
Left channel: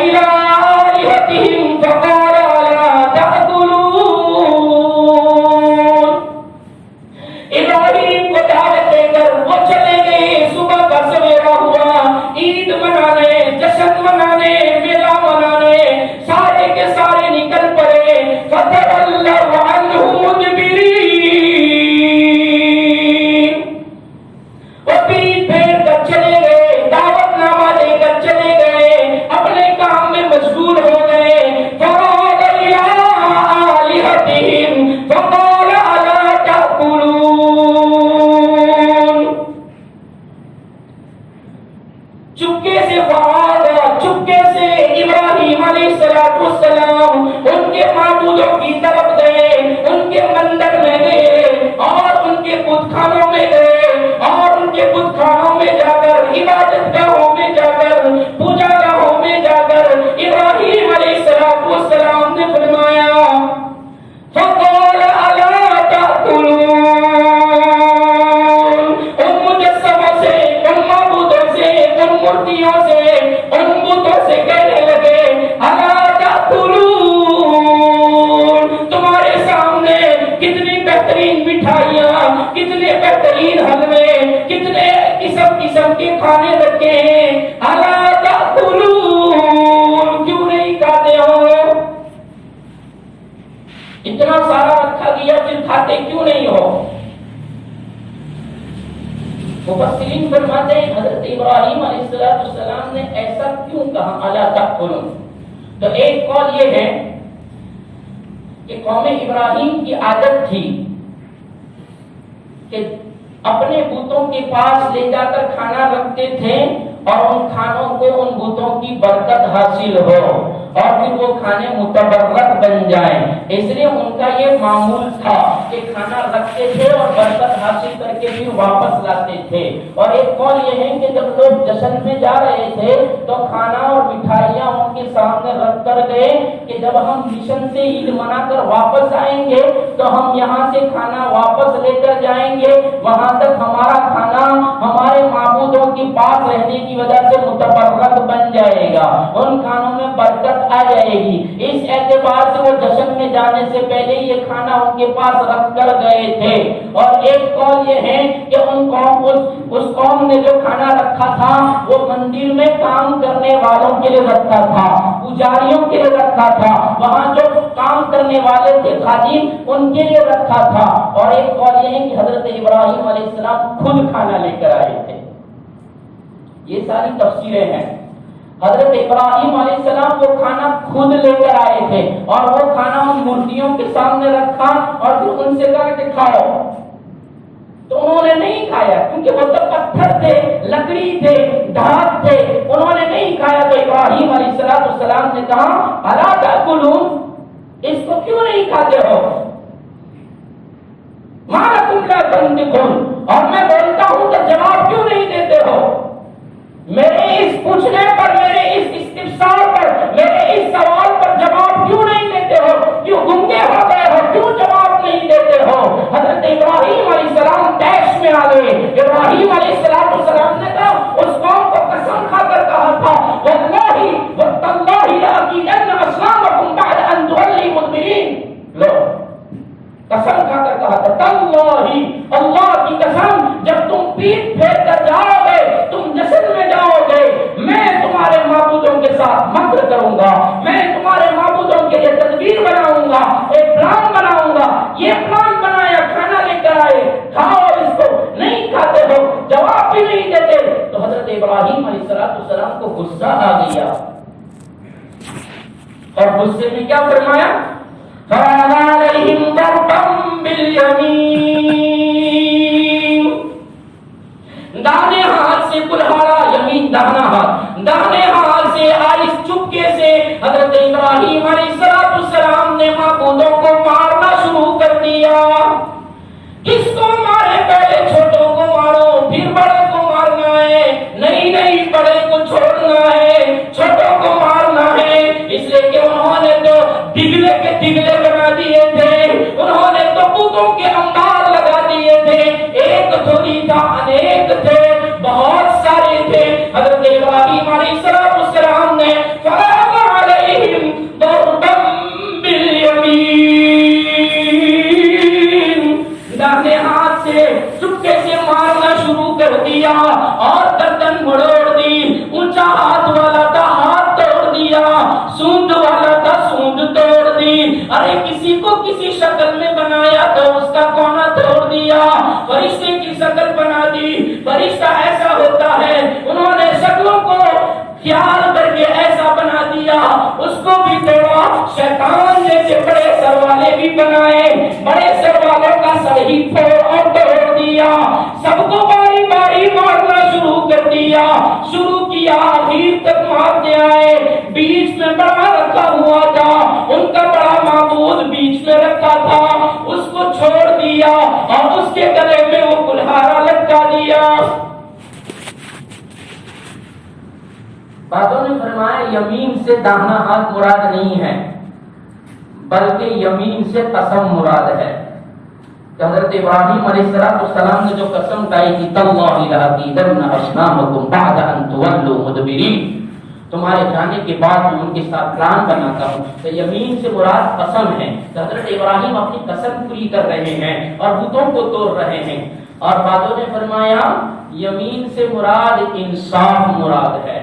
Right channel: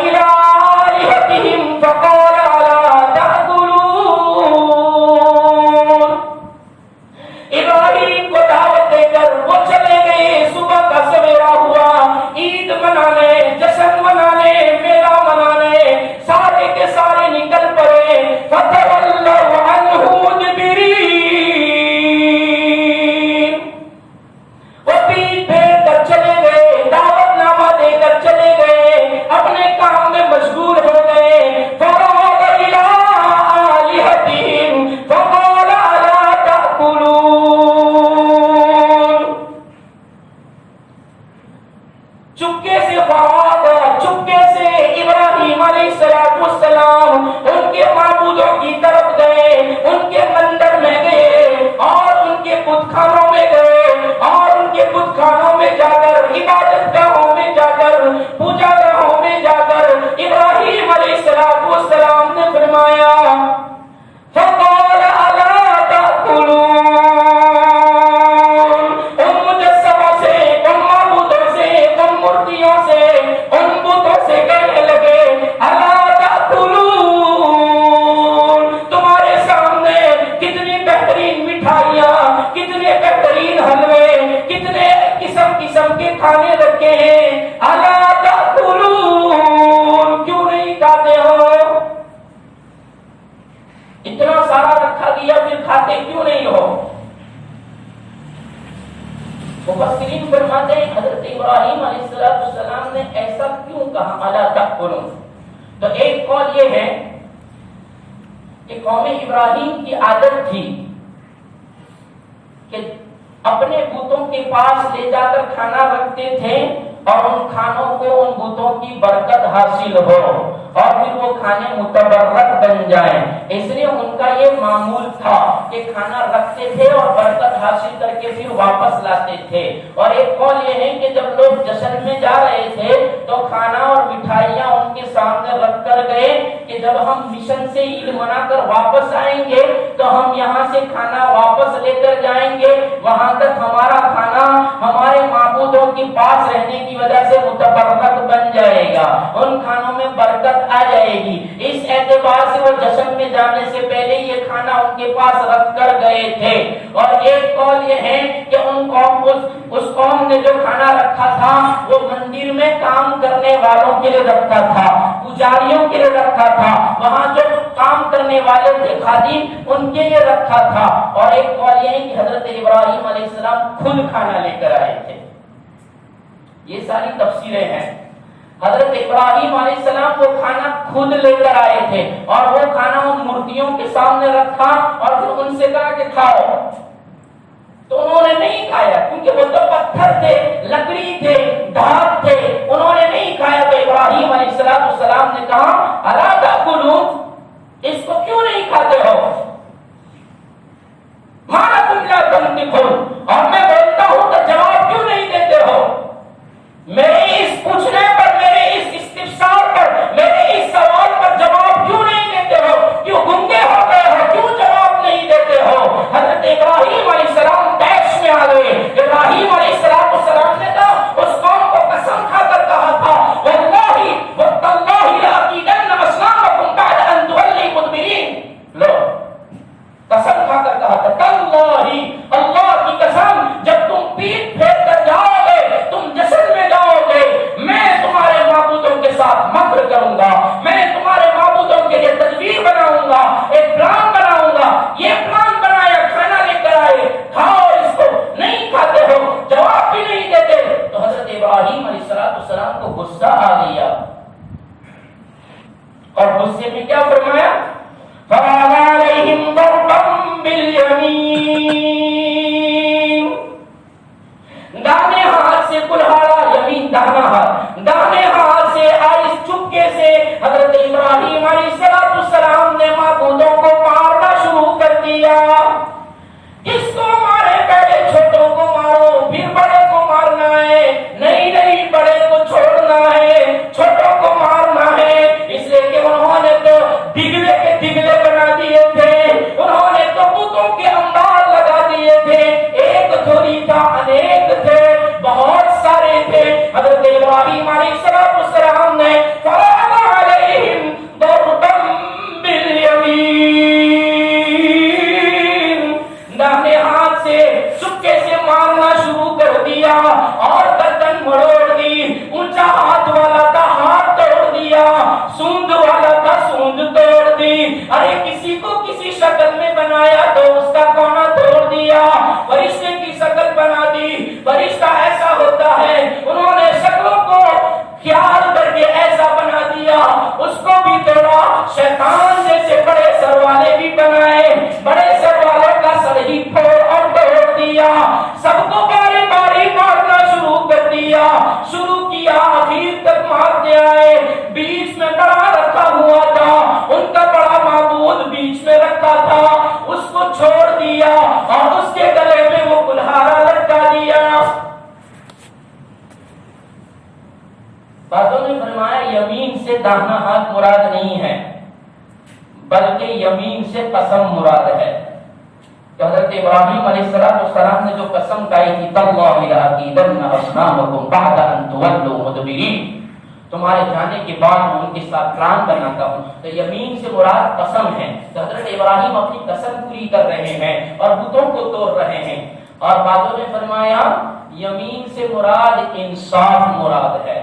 مٹھائیاں، کتنے بہترین حلوے، کتنے قسم قسم کے کھانے رکھے ہیں، الا تاکلون، کیوں نہیں کھاتے ہو؟ اتنا سارا رکھا گیا پھر کھاتے کیوں نہیں ہو؟ مفسرین فرماتے ہیں حضرت ابراہیم علیہ السلام نے ایسا کیوں کہا الا تاکلون؟ تو ایک قول یہ ہے کہ قوم ابراہیم کی عادت تھی کہ اپنے بتوں کے پاس لے جا کر کھانا رکھتے تھے اور ان کھانوں کو ان بتوں کی برکت حاصل ہو اور پھر وہ کھانے متبرک بن جائیں، اس لیے ان کا یہ معمول تھا کہ کھانا رکھتے تھے اور برکت حاصل کر کے پھر واپس لاتے تھے۔ اور ایک قول یہ ہے کہ جب لوگ جشن میں جا رہے تھے تو کھانا اور مٹھائیاں ان کے سامنے رکھ کر گئے کہ جب ہم مشن سے عید منا کر واپس آئیں گے تو ہم یہاں سے کھانا واپس لے کر جائیں گے، وہاں تک ہمارا کھانا ہمارے معبودوں کے پاس رہنے کی وجہ سے متبرک بن جائے گا، ان کھانوں میں برکت آ جائے گی۔ اس اعتبار سے وہ جشن میں جانے سے پہلے یہ کھانا ان کے پاس رکھ کر گئے تھے۔ اور ایک قول یہ ہے کہ اس قوم نے جو کھانا رکھا تھا وہ مندر میں کام کرنے والوں کے لیے رکھا تھا، پجاریوں کے لیے رکھا تھا، وہاں جو کام کرنے والے تھے خادم ان کے لیے رکھا تھا۔ اور ایک قول یہ ہے کہ حضرت ابراہیم علیہ السلام خود کھانا لے کر آئے تھے۔ یہ ساری تفسیریں ہیں۔ حضرت ابراہیم علیہ السلام وہ کھانا خود لے کر آئے تھے اور وہ کھانا ان مورتیوں کے سامنے رکھا اور پھر ان سے کہا کہ کھاؤ، تو انہوں نے نہیں کھایا کیونکہ وہ تو پتھر تھے، لکڑی تھے، دھات تھے، انہوں نے نہیں کھایا۔ تو ابراہیم علیہ السلام نے کہا الا تاکلون، اس کو کیوں نہیں کھاتے ہو؟ ما لکم لا تنطقون، اور میں بولتا ہوں تو جواب کیوں نہیں دیتے ہو؟ میرے اس پوچھنے پر، میرے اس استفسار پر، میرے اس سوال پر جواب کیوں نہیں دیتے ہو؟ کیوں گنگے ہو گئے ہو؟ کیوں جواب نہیں دیتے ہو؟ حضرت ابراہیم علیہ السلام ٹیکس میں آ گئے۔ ابراہیم علیہ السلام نے کہا، اس قوم کو قسم کھا کر کہا تھا واللہ والتاللہ لأکیدن اصنامکم بعد ان تولوا مدبرین، لو قسم کھا کر کہا تھا تاللہ، اللہ کی قسم، جب تم پیٹ پھیر کر جاؤ گے، تم جشن میں جاؤ گے، میں تمہارے معبودوں کے ساتھ مکر کروں گا، میں تمہارے معبودوں کے لیے تدبیر بناؤں گا، ایک پلان بناؤں گا۔ یہ پلان بنایا، کھانا لے کر آئے، کھاؤ اس کو، نہیں کھاتے ہو، جواب بھی نہیں دیتے۔ تو حضرت ابراہیم علیہ السلام کو غصہ آ گیا اور غصے میں کیا فرمایا؟ فَرَانَ عَلَيْهِمْ ضَرْبًا بِالْيَمِينِ، دانے ہاتھ سے کلہاڑا، یمین دانا ہاتھ، دانے ہاتھ سے آئس چپکے سے حضرت ابراہیم علیہ السلام نے معبودوں کو مارنا شروع کر دیا۔ کس کو مارے؟ پہلے چھوٹوں کو مارو، پھر بڑے کو مارنا ہے، نہیں بڑے کو چھوڑنا ہے، چھوٹوں کو مارنا ہے، اس لیے کہ انہوں نے تو دگلے کے دگلے بنا دیے تھے، انہوں نے تو بتوں کے انبار لگا دیے تھے، ایک تھوڑی تھا، انیک تھے، بہت سارے تھے۔ حضرت ابراہیم علیہ السلام نے فَرَاغَ عَلَيْهِمْ ضَرْبًا بِالْيَمِينِ، داہنے ہاتھ سے چپکے سے مارنا شروع کر دیا اور گردن مڑوڑ دی، اونچا ہاتھ والا تھا ہاتھ توڑ دیا، سونڈ والا تھا سونڈ توڑ دی، ارے کسی کو کسی شکل میں بنایا تو اس کا کونا توڑ دیا، فرشتے کی شکل بنا دی، فرشتہ ایسا ہوتا ہے، انہوں نے شکلوں کو خیال کر کے ایسا بنا دیا، اس کو بھی توڑا، شیطان جیسے بڑے سر والے بھی بنائے، بڑے سر والوں کا سر ہی پھوڑ اور توڑ دیا، سب کو باری باری مارنا شروع کر دیا، شروع کیا آخر تک مارتے آئے، بیچ میں بڑا رکھا ہوا تھا، ان کا بڑا معبود بیچ میں رکھا تھا، اس کو چھوڑ دیا اور اس کے گلے میں وہ کلہاڑا لٹکا دیا۔ بعضوں نے فرمایا یمین سے داہنا ہاتھ مراد نہیں ہے بلکہ یمین سے قسم مراد ہے۔ حضرت ابراہیم علیہ السلام نے جو قسم کھائی تھی تاللہ لأکیدن اصنامکم بعد ان تولوا مدبرین، تمہارے جانے کے بعد میں ان کے ساتھ پلان بناتا ہوں. تو یمین سے مراد قسم ہے. تو حضرت ابراہیم اپنی قسم پوری کر رہے ہیں اور بتوں کو توڑ رہے ہیں. اور بعضوں نے فرمایا یمین سے مراد انصاف مراد ہے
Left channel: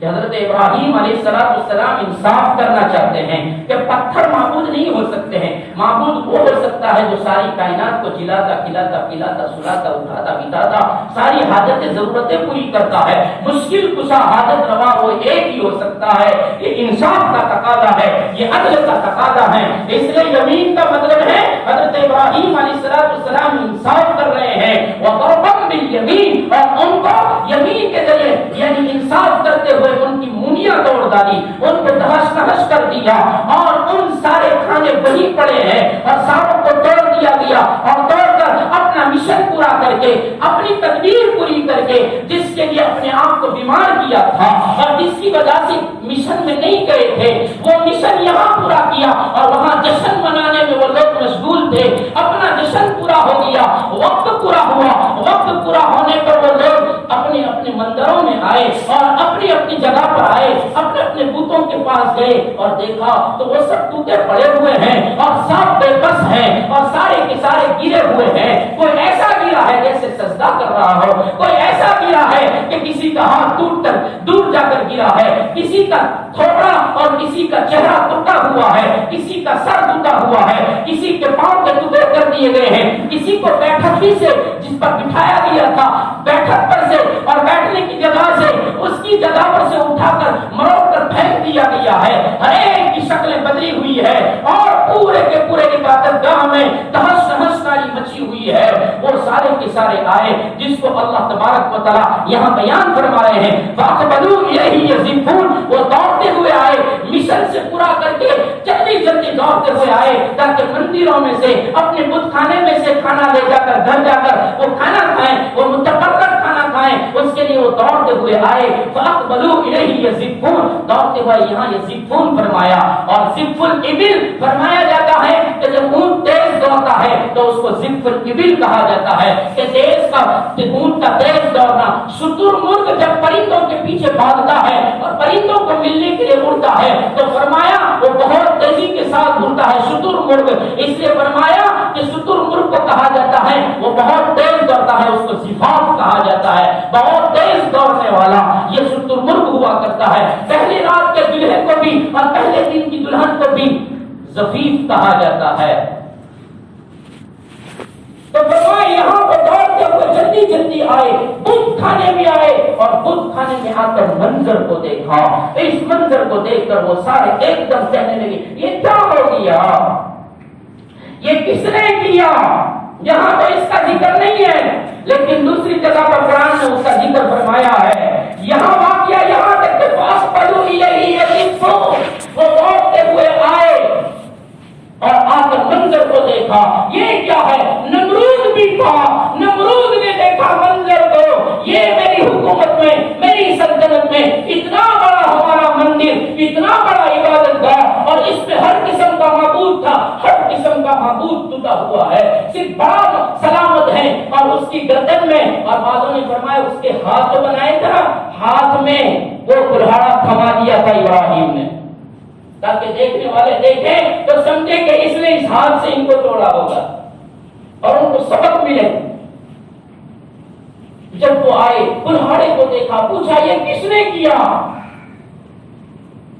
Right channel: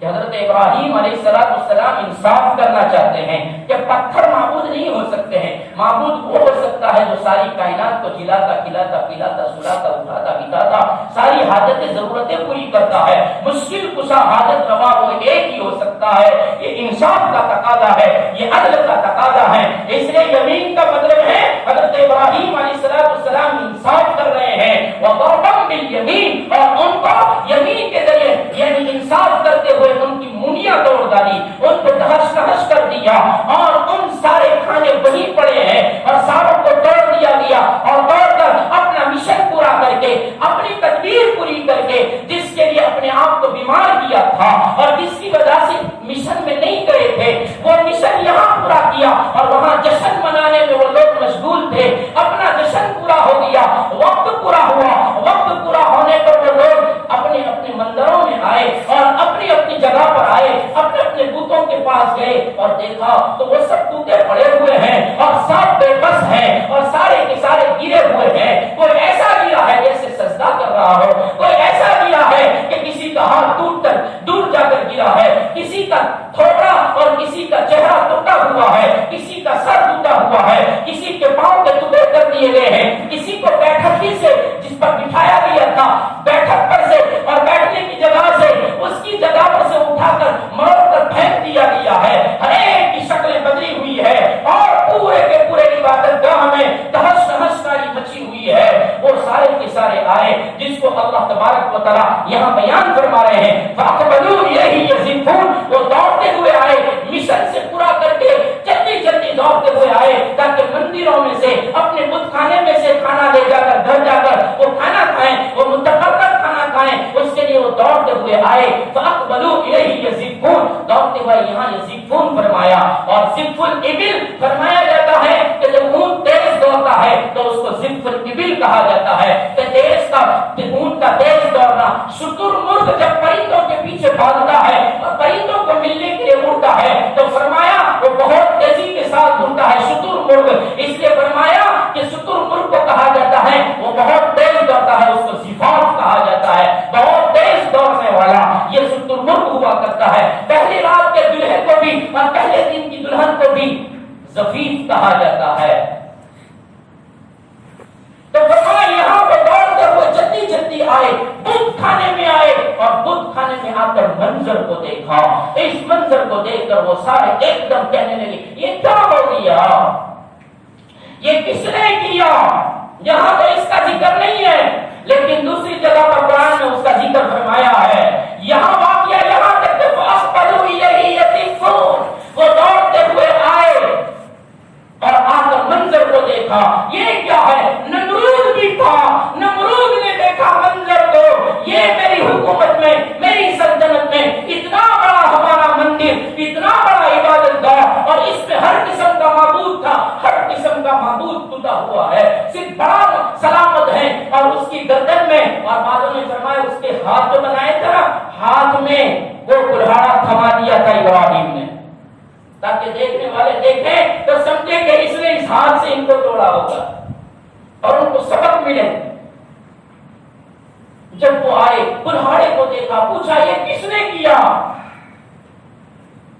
کہ حضرت ابراہیم علیہ السلام انصاف کرنا چاہتے ہیں کہ پتھر معبود نہیں ہو سکتے ہیں. معبود وہ ہو سکتا ہے جو ساری کائنات کو جلاتا کھلاتا پلاتا سلاتا اٹھاتا بتاتا ساری حاجتیں ضرورتیں پوری کرتا ہے. مشکل کشا حاجت روا وہ ایک ہی ہو سکتا ہے. یہ انصاف کا تقاضا ہے, یہ عدل کا تقاضا ہے. اس لیے یمین کا مطلب ہے حضرت ابراہیم علیہ السلام انصاف کر رہے ہیں. وَضَرَبَهُم بِالْيَمِينِ, اور ان کو یمین کے ذریعے یعنی انصاف کرتے ہوئے ان کی مونیاں توڑ ڈالی, ان کو تہش نہش کر دیا اور ان سارے کھانے وہیں پڑے ہیں اور ساروں کو توڑ دیا گیا. اور توڑ کر اپنا مشن پورا کر کے اپنی تدبیر پوری کر کے جس کے لیے اپنے آپ کو بیمار کیا تھا اور جس کی وجہ سے مشن میں نہیں گئے تھے وہ مشن یہاں پورا کیا اور وہاں جشن منانے میں وہ لوگ مشغول تھے. اپنا جشن پورا ہو گیا, وقت پورا ہوا. وقت پورا ہونے پر وہ لوگ اپنے اپنے مندروں میں آئے اور اپنی اپنی جگہ پر آئے, اپنے اپنے بتوں کے پاس گئے اور دیکھا تو وہ سب ٹوٹے پڑے ہوئے ہیں اور سب بے بس ہیں اور سارے کے سارے گرے ہوئے ہیں. کوئی ایسا گرا ہے جیسے سجدہ کر رہا ہو, کوئی ایسا گرا ہے کہ کسی کا ہاتھ ٹوٹ کر دور جا کر گرا ہے, کسی کا تھوڑا اور کسی کا چہرہ ٹوٹا ہوا ہے, کسی کا سر ٹوٹا ہوا ہے, کسی کے پاؤں کے ٹکڑے کر دیے گئے ہیں, کسی کو بیٹھک ہی سے جس پر بٹھایا گیا تھا بیٹھک پر سے اور بیٹھنے کی جگہ سے اس کی جگہ پر سے اٹھا کر مروڑ کر پھینک دیا گیا ہے. ہر ایک کی شکلیں بدلی ہوئی ہے اور پورے کے پورے عبادت گاہ میں تہس نہس کاری مچی ہوئی ہے. وہ سارے کے سارے آئے جس کو اللہ تبارک و تعالی یہاں بیان فرما رہے ہیں. فَأَقْبَلُوا إِلَيْهِ يَزِفُّونَ, وہ دوڑتے ہوئے آئے, مشن سے پورا کر کے جلدی جلدی دوڑتے ہوئے آئے تاکہ مندروں میں سے اپنے بت خانے میں سے کھانا لے جا کر گھر جا کر وہ کھانا کھائیں, وہ متقرر کھانا کھائیں. اس کے لیے وہ دوڑتے ہوئے آئے. فَأَقْبَلُوا إِلَيْهِ يَزِفُّونَ, دوڑتے ہوئے یہاں یزفون فرمایا اور زف الابل فرمایا جاتا ہے کہ جب اونٹ تیز دوڑتا ہے تو اس کو زف الابل کہا جاتا ہے کہ تیز کا اونٹ کا تیز دوڑنا. شتر مرغ جب پرندوں کے پیچھے بھاگتا ہے اور پرندوں کو ملنے کے لیے اڑتا ہے تو فرمایا وہ بہت تیزی کے ساتھ اڑتا ہے شتر مرغ. اس لیے فرمایا کہ شتر مرغ کو کہا جاتا ہے وہ بہت تیز دوڑتا ہے, اس کو زفاف کہا جاتا ہے, بہت تیز دوڑنے والا. یہ شتر مرغ ہوا کرتا ہے. پہلی رات کے دلہے کو بھی اور پہلے دن کی دلہن کو بھی زفیف کہا جاتا ہے. تو یہاں پہ دوڑتے ہوئے جلدی جلدی آئے, بت خانے میں آئے اور بت خانے میں آ کر منظر کو دیکھا. اس منظر کو دیکھ کر وہ سارے ایک دم کہنے لگے یہ کیا ہو گیا, یہ کس نے کیا. یہاں تو اس کا ذکر نہیں ہے لیکن دوسری جگہ پر قرآن نے اس کا ذکر فرمایا ہے. یہاں واقعہ یہاں تک کہ فَأَقْبَلُوا إِلَيْهِ يَزِفُّونَ, وہ دوڑتے ہوئے آئے اور آ کر منظر کو دیکھا. یہ کیا ہے, نمرود بھی تھا. نمرود نے دیکھا منظر کو, یہ میری حکومت میں میری سلطنت میں اتنا بڑا ہمارا مندر, اتنا بڑا عبادت گاہ اور اس میں ہر قسم کا معبود تھا, ہر قسم کا معبود ٹوٹا ہوا ہے, صرف بڑا سلامت ہے اور اس کی گردن میں. اور بعضوں نے فرمایا اس کے ہاتھ جو بنائے تھا ہاتھ میں وہ کلہاڑا تھما دیا تھا ابراہیم نے تاکہ دیکھنے والے دیکھیں تو سمجھے کہ اس نے اس ہاتھ سے ان کو توڑا ہوگا اور ان کو سبق ملے. جب وہ آئے کلہاڑے کو دیکھا, پوچھا یہ کس نے کیا.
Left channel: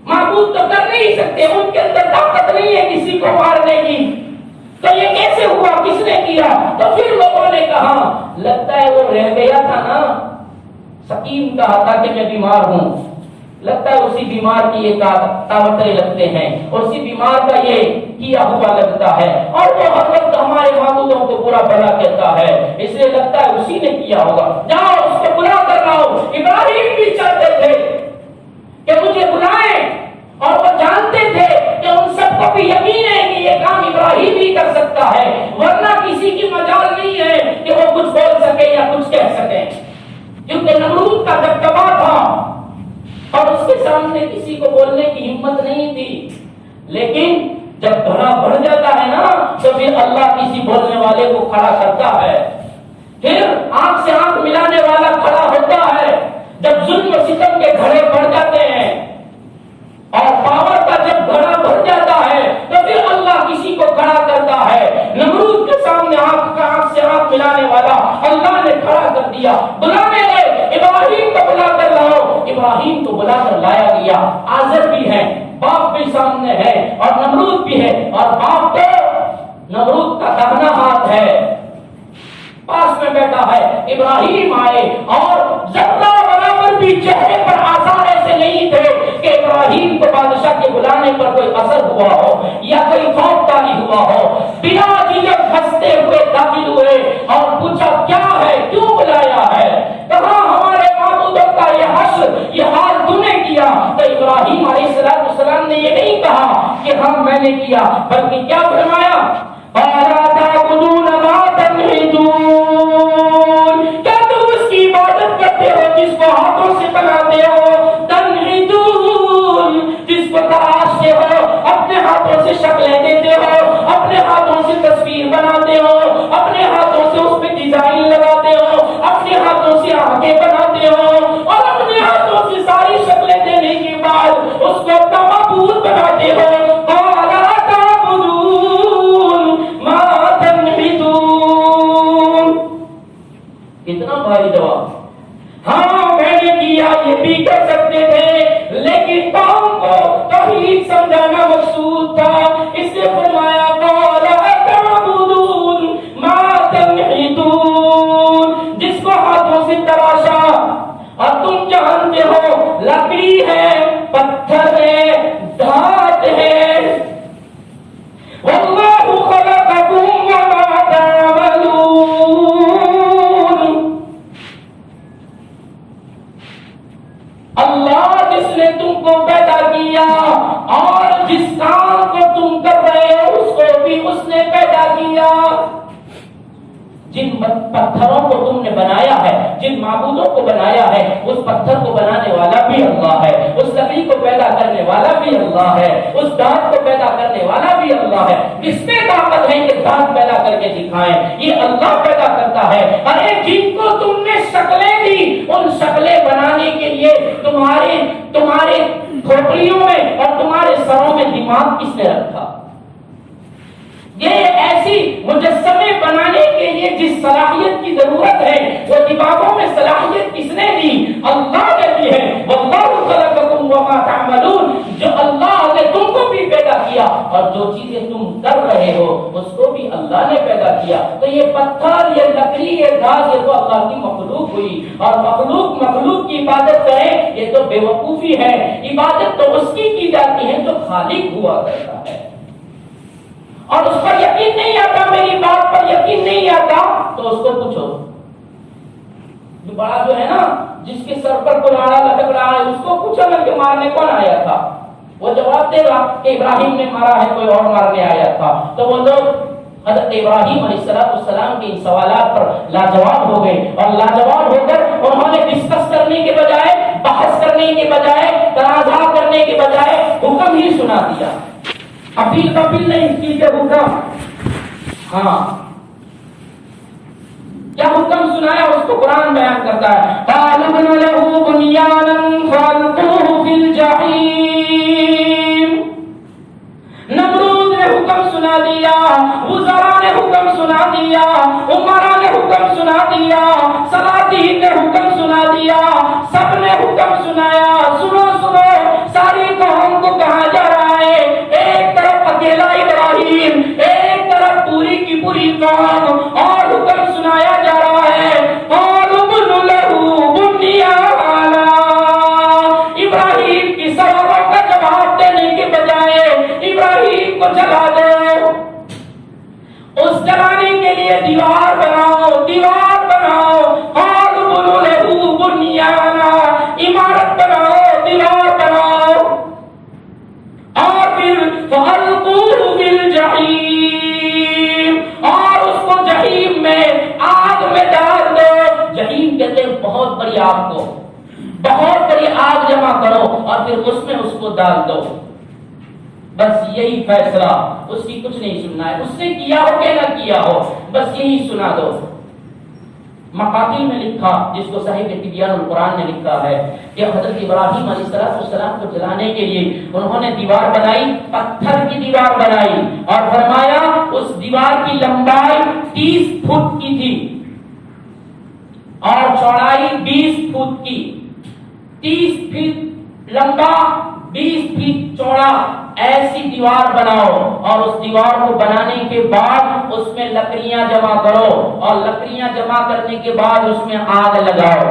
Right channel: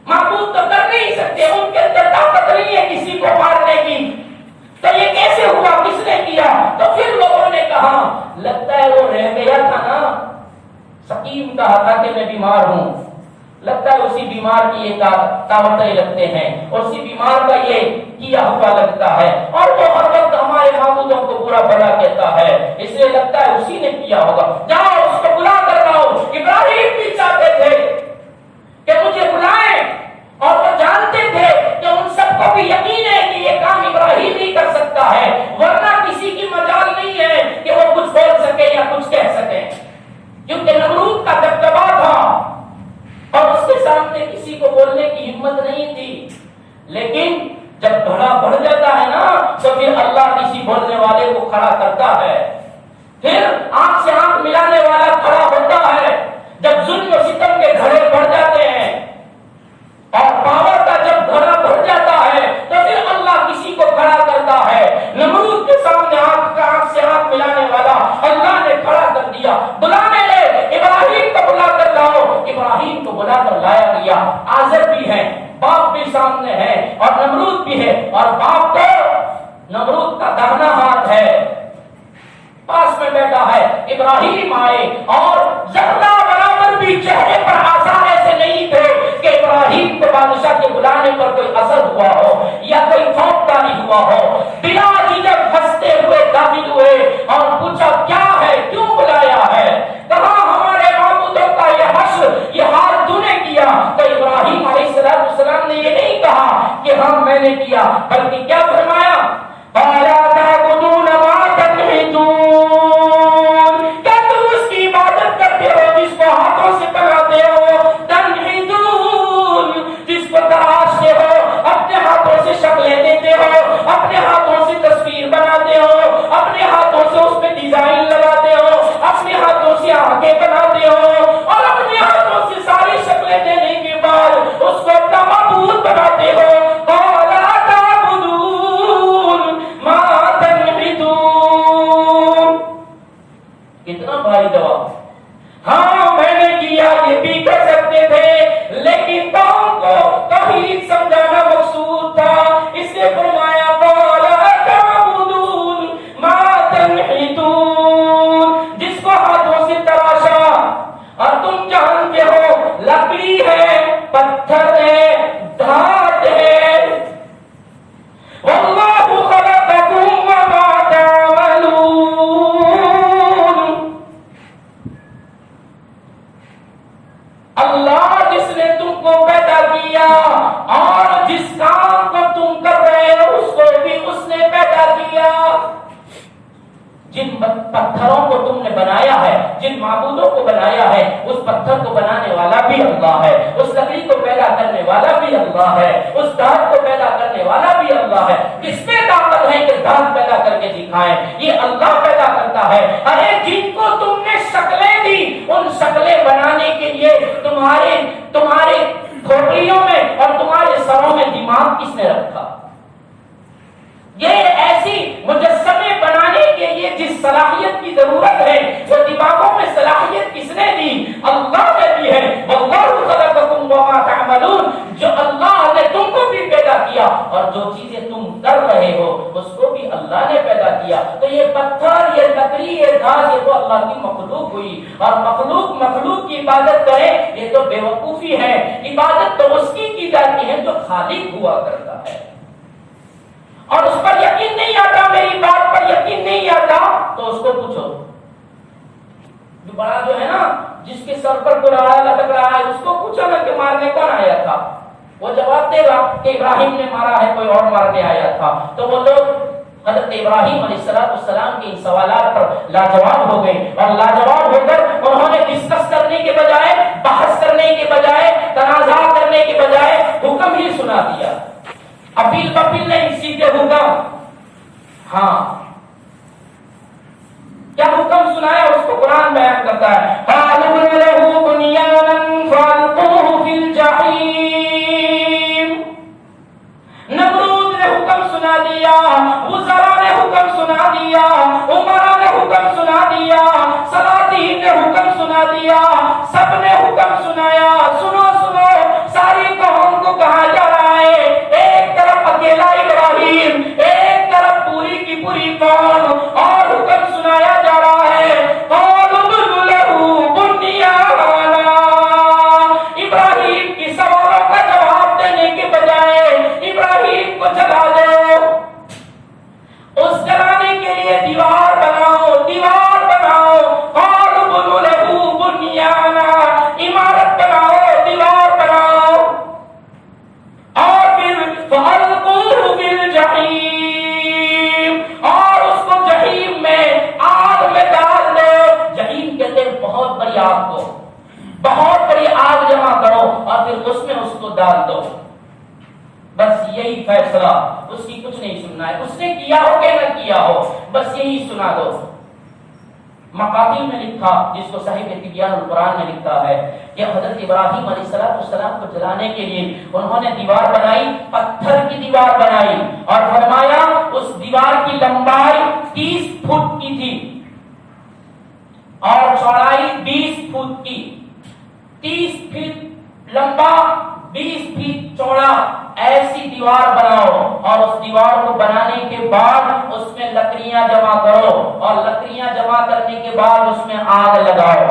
معبود تو کر نہیں سکتے, ان کے اندر طاقت نہیں ہے کسی کو مارنے کی, تو یہ کیسے ہوا, کس نے کیا. تو پھر لوگوں نے کہا لگتا ہے وہ رہ گیا تھا نا, سکیم کہا تھا کہ میں بیمار ہوں, لگتا ہے اسی بیمار کی یہ طاقتیں لگتے ہیں, اسی بیمار کا یہ کیا ہوا لگتا ہے اور وہ ہر وقت ہمارے معبودوں کو برا بھلا کہتا ہے, اس لیے لگتا ہے اسی نے کیا ہوگا. جاؤ اس کو بلا کر لاؤ. ابراہیم بھی چاہتے تھے کہ مجھے بلائیں اور وہ جانتے تھے کہ ان سب کو بھی یقین ہے کہ یہ کام ابراہیم ہی کر سکتا ہے, ورنہ کسی کی مجال نہیں ہے کہ وہ کچھ بول سکے یا کچھ کہہ سکے, کیونکہ نمرود کا دبدبا تھا اور اس کے سامنے کسی کو بولنے کی ہمت نہیں تھی. لیکن جب گھڑا بڑھ جاتا ہے نا تو پھر اللہ کسی بولنے والے کو کھڑا کرتا ہے, پھر آنکھ سے آنکھ ملانے والا کھڑا ہوتا ہے. جب ظلم و ستم کے گھڑے بڑھ جاتے اور پاور کا جب گھڑا بھر جاتا ہے تو پھر اللہ کسی کو کھڑا کرتا ہے. نمرود کے سامنے آنکھ سے آنکھ ملانے والا اللہ نے کھڑا کر دیا. بلانے لے ابراہیم کو بلا کر لاؤ. ابراہیم کو بلا کر لایا گیا. آزر بھی ہے, باپ بھی سامنے ہے, اور نمرود بھی ہے, اور باپ تو نمرود کا داہنا ہاتھ ہے, پاس میں بیٹھا ہے. ابراہیم آئے اور ذرہ برابر بھی چہرے پر آثار ایسے نہیں تھے کہ ابراہیم کو بادشاہ کے بلانے پر کوئی اثر ہوا ہو یا کوئی خوف طاری ہوا ہو. بلا جھجک ہنستے ہوئے داخل ہوئے اور پوچھا کیا ہے, کیوں بلایا ہے, کہاں ہمارے معبودوں کا یہ حشر, یہ حال تو نے کیا. تو ابراہیم علیہ السلام نے یہ نہیں کہا کہ ہاں میں نے کیا, بلکہ کیا فرمایا, فَلَا تَعْبُدُونَ مَا تَنْحِتُونَ, کیا تم اس کی عبادت کرتے ہو جس کو ہاتھوں سے بناتے ہو, تنحتون, جس کو تراشتے ہو, اپنے ہاتھوں سے شکلیں دیتے ہو, اپنے ہاتھوں سے تصویر بناتے ہو, اپنے ہاتھوں سے اس پہ ڈیزائن لگاتے ہو, اپنے ہاتھوں سے آنکھیں بناتے ہو, اور اپنے ہاتھوں سے ساری شکلیں دینے کے بعد اس کو اپنا معبود بناتے ہو. کتنا بھاری جواب. ہاں میں نے کیا, یہ بھی کر سکتے تھے, لیکن قوم کو توحید سمجھانا مقصود تھا, اس لیے فرمایا وَلَا تَعْبُدُونَ مَا تَنْحِتُونَ, جس کو ہاتھوں سے تراشا اور تم جانتے ہو لکڑی ہے, پتھر ہے, دھات ہے. وَاللَّهُ خَلَقَكُمْ وَمَا تَعْمَلُونَ, اللہ جس نے تم کو پیدا کیا اور جس کام کو تم کر رہے ہو اس کو بھی اس نے پیدا کیا. جن پتھروں کو تم نے بنایا ہے, جن معبودوں کو بنایا ہے, اس پتھر کو بنانے والا بھی اللہ ہے, اس لکڑی کو پیدا کرنے والا بھی اللہ ہے, اس دانت کو پیدا کرنے والا بھی اللہ ہے. کس میں طاقت ہے کہ دانت پیدا کر کے دکھائیں, یہ اللہ پیدا کرتا ہے. ارے جن کو تم نے شکلیں دی, ان شکلیں بنانے کے لیے تمہارے کھوپڑیوں میں اور تمہارے سروں میں دماغ کس نے رکھا؟ یہ ایسی مجسمے بنانے کے لیے جس صلاحیت کی ضرورت ہے وہ دماغوں میں صلاحیت کس نے دی؟ اللہ نے دی ہے. واللہ خلقکم وما تعملون, جو اللہ نے تم کو بھی پیدا کیا اور جو چیزیں تم کر رہے ہو اس کو بھی اللہ نے پیدا کیا. تو یہ پتھر, یہ لکڑی, یہ گھاس, یہ تو اللہ کی مخلوق ہوئی, اور مخلوق کی عبادت کرے یہ تو بے وقوفی ہے. عبادت تو اس کی جاتی ہے جو خالق ہوا کرتا ہے. اور اس پر یقین نہیں آتا, میری بات پر یقین نہیں آتا, تو اس کو پوچھو. جو بڑا جو ہے نا, جس کے سر پر کلاڑا لٹک رہا ہے, اس کو پوچھو نا کہ مارنے کون آیا تھا. وہ جواب دے گا کہ ابراہیم نے مارا ہے, کوئی اور مارنے آیا تھا. تو وہ لوگ حضرت ابراہیم علیہ السلام کے ان سوالات پر لاجواب ہو گئے, اور لاجواب ہو کر انہوں نے ڈسکس کرنے کے بجائے, بحث کرنے کے بجائے, تنازع کرنے کے بجائے حکم ہی سنا دیا. اپیل پپیل نہیں, سیدھے حکم. ہاں, کیا حکم سنایا اس کو قرآن بیان کرتا ہے. فَعَلَمْنَ لَهُ بُنْيَانًا فَأَلْقُوهُ فِي الْجَحِيمِ. نمرود نے حکم سنا دیا, وزراء نے حکم سنا دیا, عمراء نے حکم سنا دیا, سلاطین نے حکم سنا دیا, سب نے حکم سنایا. سنو سنو, ساری قوم کو کہا جا رہا ہے, ایک طرف اکیلا ابراہیم, ایک طرف پوری کی پوری قوم, اور حکم سنایا جا رہا ہے. ابراہیم کی سوالوں کا جواب دینے کے بجائے ابراہیم کو جلا دو. اس جلانے کے لیے دیوار بناؤ, دیوار بناؤ. عمارت بناؤ, دیوار بناؤ, اور پھر فَأَلْقُوهُ فِي الْجَحِيمِ, اور اس کو جہیم میں, آگ میں ڈال دو. جہیم کہتے ہیں بہت بڑی آگ کو, بہت بڑی آگ جمع کرو اور پھر اس میں اس کو ڈال دو. بس یہی فیصلہ, اس کی کچھ نہیں سننا ہے. اس نے کیا ہو کہ نہ کیا ہو, بس یہی سنا دو. مقاتل میں لکھا، جس کو صاحب تبیان القرآن نے لکھا ہے کہ حضرت ابراہیم علیہ السلام کو جلانے کے لیے انہوں نے دیوار بنائی، پتھر کی دیوار بنائی، اور فرمایا اس دیوار کی لمبائی 30 فٹ کی تھی اور چوڑائی 20 فٹ کی، 30 فٹ لمبا 20 فٹ چوڑا، ایسی دیوار بناؤ، اور اس دیوار کو بنانے کے بعد اس میں لکڑیاں جمع کرو، اور لکڑیاں جمع کرنے کے بعد اس میں آگ لگاؤ۔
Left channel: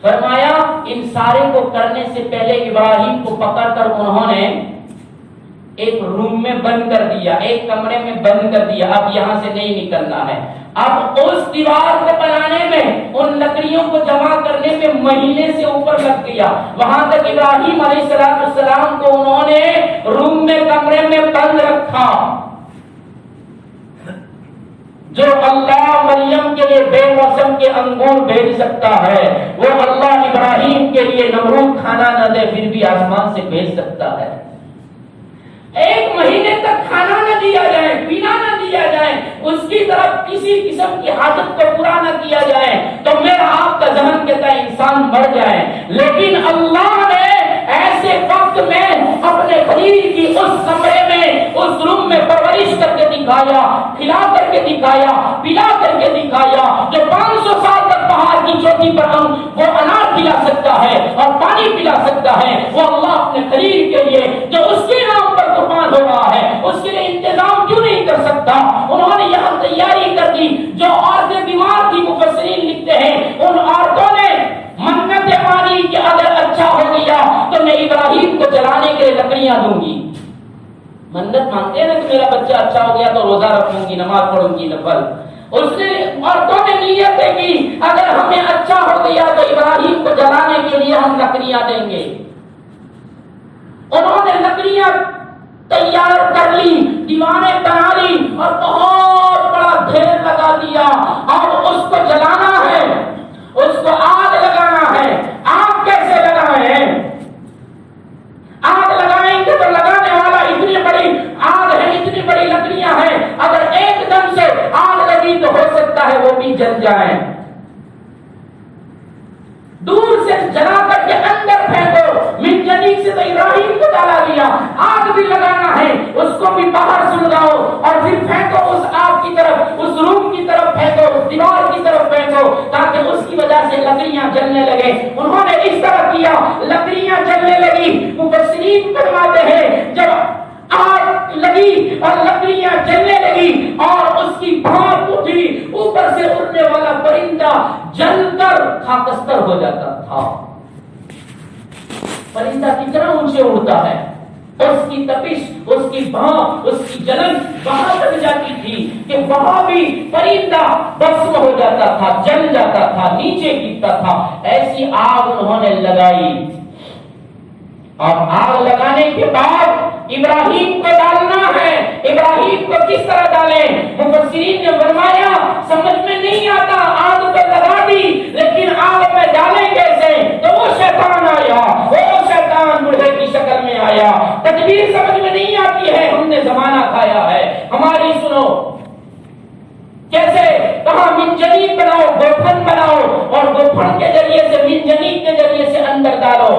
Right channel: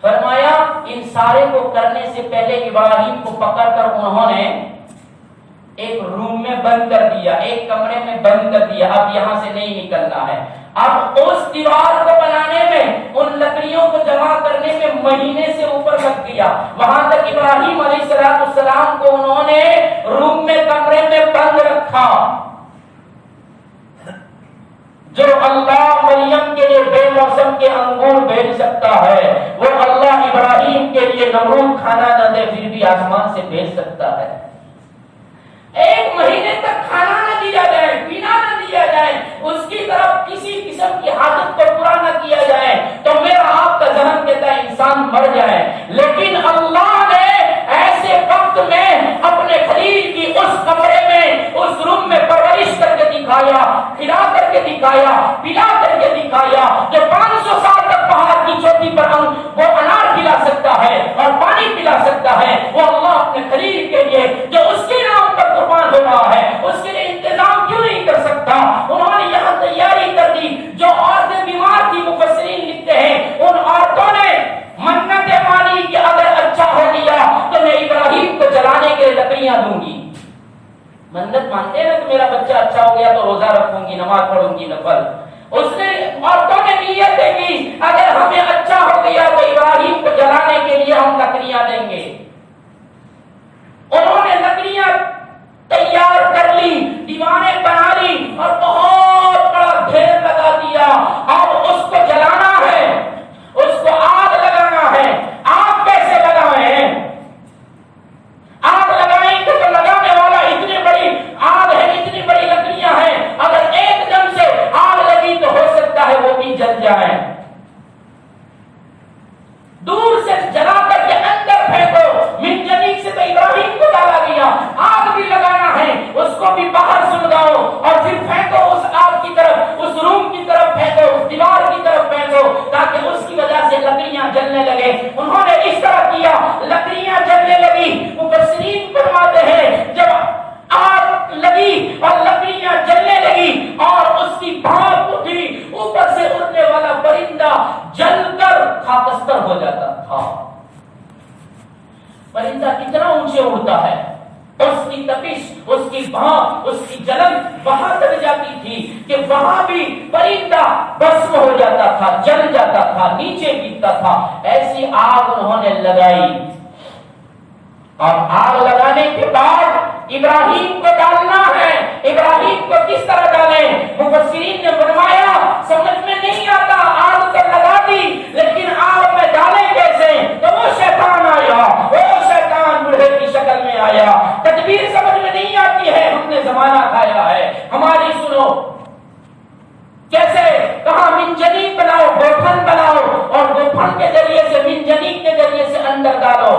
فرمایا ان سارے کو کرنے سے پہلے ابراہیم کو پکڑ کر انہوں نے ایک روم میں بند کر دیا، ایک کمرے میں بند کر دیا، اب یہاں سے نہیں نکلنا ہے۔ اب اس دیوار کو بنانے میں، ان لکڑیوں کو جمع کرنے میں مہینے سے اوپر لگ گیا، وہاں تک ابراہیم علیہ السلام کو انہوں نے روم میں کمرے میں بند رکھا۔ جو اللہ مریم کے لیے بے موسم کے انگور بھیج سکتا ہے، وہ اللہ ابراہیم کے لیے نمرود کھانا نہ دے پھر بھی آسمان سے بھیج سکتا ہے۔ ایک مہینے تک کھانا نہ دیا جائے، پینا نہ دیا جائے، اس کی طرف کسی قسم کی حاجت کو پورا نہ کیا جائے تو میرا آپ کا ذہن کہتا ہے انسان مر جائے، لیکن اللہ نے ایسے وقت میں اپنے خلیل کی اس کمرے میں، اس روم میں پرورش کر کے دکھایا، کھلا کر کے دکھایا، پلا کر کے دکھایا۔ جو 500 سال تک پہاڑ کی چوٹی پر وہ انار پلا سکتا ہے اور پانی پلا سکتا ہے، وہ اللہ اپنے خلیل کے لیے جو اس کے نام پر قربان ہو رہا ہے، اس کے لیے انتظام کیوں نہیں کر سکتا؟ انہوں نے یہاں تیاری کر دی۔ جو عورتیں بیمار تھی، مفسرین لکھتے ہیں ان عورتوں نے منتیں مانی کہ اگر اچھا ہو گیا تو میں ابراہیم کو جلانے کے لکڑیاں دوں گی۔ منت مانتے ہیں نا کہ میرا بچہ اچھا ہو گیا تو روزہ رکھوں گی، نماز پڑھوں گی نفل۔ اس نے عورتوں نے نیتیں کی اگر ہمیں اچھا ہو گیا تو ابراہیم کو جلانے کے لیے ہم لکڑیاں دیں گے۔ انہوں نے لکڑیاں تیار کر لی، دیواریں بنا لی اور بہت بڑا ڈھیر لگا دیا۔ اب اس کو جلانا ہے، اس کو آگ لگانا ہے۔ آگ کیسے لگائیں؟ آگ لگائیں گے تو لگانے والا اتنی بڑی آگ ہے، اتنی بڑی لکڑیاں ہیں، اگر ایک دم سے آگ لگی تو ہو سکتا ہے وہ بھی جل جائیں۔ دور سے جلا کر کے اندر پھینکو، منجنیق سے تو ابراہیم کو ڈالا گیا، آگ بھی لگانا ہے، اس کو بھی باہر سلگاؤ اور پھر پھینکو اس آگ کی طرف، اس روم کی طرف پھینکو، اس دیوار کی طرف پھینکو تاکہ اس کی وجہ سے لکڑیاں جلنے لگے۔ انہوں نے اس طرح کیا، لکڑیاں جلنے لگی۔ مفسرین فرماتے ہیں جب آگ لگی اور لکڑیاں جلنے لگی اور اس کی بھاپ اٹھی، اوپر سے اڑنے والا پرندہ جل کر خاکستر ہو جاتا تھا۔ پرندہ کتنا اونچے اڑتا ہے، اس کی تپش، اس کی بھاپ، اس کی جلن وہاں تک جاتی تھی کہ وہاں بھی پرندہ بھسم ہو جاتا تھا، جل جاتا تھا، نیچے گرتا تھا۔ ایسی آگ انہوں نے لگائی، اور آگ لگانے کے بعد ابراہیم کو ڈالنا ہے۔ ابراہیم کو کس طرح ڈالیں؟ مفسرین نے فرمایا سمجھ میں نہیں آتا، آگ تو لگا دی لیکن آگ میں ڈالیں کیسے؟ تو وہ شیطان آیا، وہ شیطان بوڑھے کی شکل میں آیا۔ تدبیر سمجھ میں نہیں آتی ہے، ہم نے زمانہ کھایا ہے، ہماری سنو۔ کیسے؟ کہاں منجنیق بناؤ، گوپھن بناؤ اور گوپھن کے ذریعے سے، منجنیق کے ذریعے سے اندر ڈالو۔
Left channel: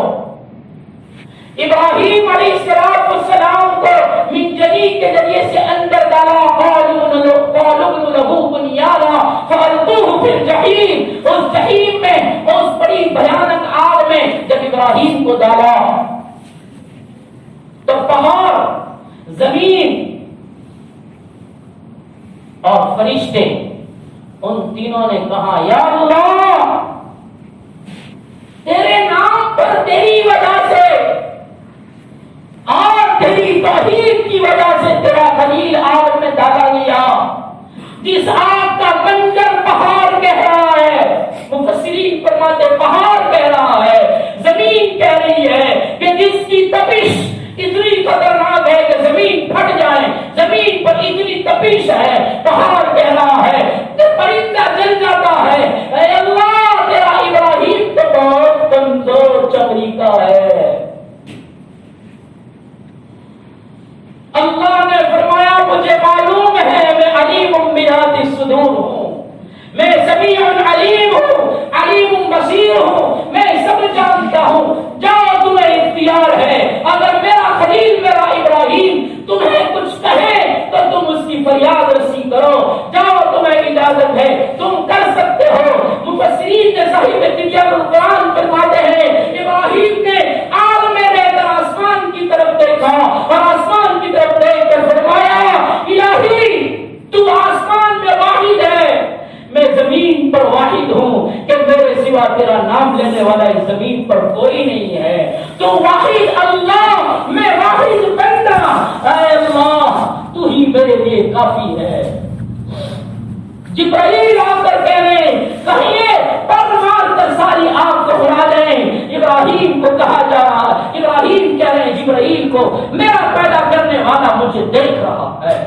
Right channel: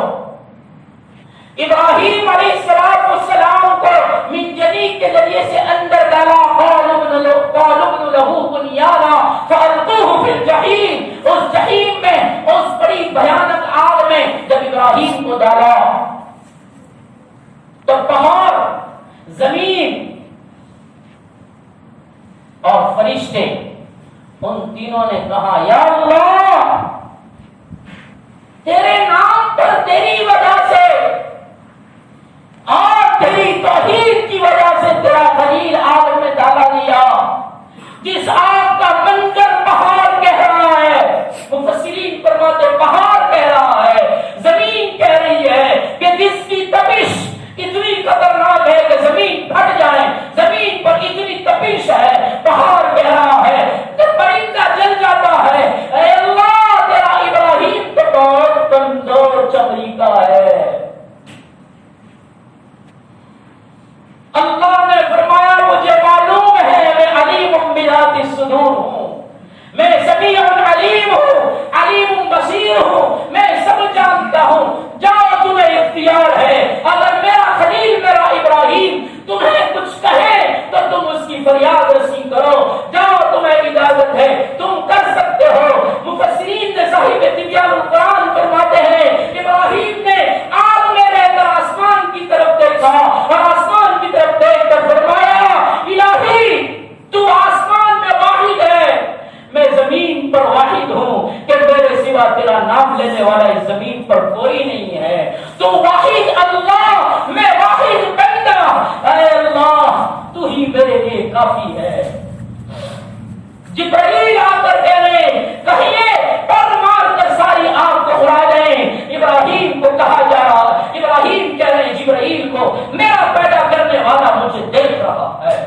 ابراہیم علیہ السلام کو منجنیق کے ذریعے سے اندر ڈالا۔ قالوا ابن له بنيانا فالقوه في الجحيم، اس جحیم میں، اس بڑی بھیانک آگ میں جب ابراہیم کو ڈالا تو پہاڑ، زمین اور فرشتے، ان تینوں نے کہا یا اللہ تیرے نام پر، تیری وجہ سے اور تیری توحید کی وجہ سے تیرا خلیل آگ میں ڈالا گیا۔ جس آگ کا منظر پہاڑ کہہ رہا ہے، مفسرین فرماتے پہاڑ کہہ رہا ہے، زمین کہہ رہی ہے کہ جس کی تپش اتنی خطرناک ہے کہ زمین پھٹ جائے، زمین پر اتنی تپش ہے، پہاڑ کہہ رہا ہے کہ پرندہ جل جاتا ہے۔ اے اللہ تیرا ابراہیم تو بہت کمزور چمڑی کا ہے۔ اللہ نے فرمایا مجھے معلوم ہے میں علیم بذات الصدور ہوں، میں سمیع علیم ہوں، علیم بصیر ہوں، میں سب جانتا ہوں۔ جاؤ تمہیں اختیار ہے، اگر میرا خلیل میرا ابراہیم تمہیں کچھ کہے تو تم اس کی فریاد رسی کرو، جاؤ تمہیں اجازت ہے، تم کر سکتے ہو۔ مفسرین نے صاحب تبیان القرآن فرماتے ہیں ابراہیم نے عالم رہتا آسمان کی طرف دیکھا اور آسمان کی طرف دیکھ کر فرمایا الہی تو آسمان میں واحد ہے، میں زمین پر واحد ہوں کہ میرے سوا تیرا نام لینے والا اس زمین پر کوئی نہیں ہے، تو واحد اللہ، میں واحد بندہ، اے اللہ تو ہی میرے لیے کافی ہے۔ جبرائیل آ کر کہیے پر مار کر ساری آگ کو اڑا دیں۔ ابراہیم کو کہا جا رہا، ابراہیم کہہ رہے ہیں جبرائیل کو میرا پیدا کرنے والا مجھے دیکھ رہا ہے،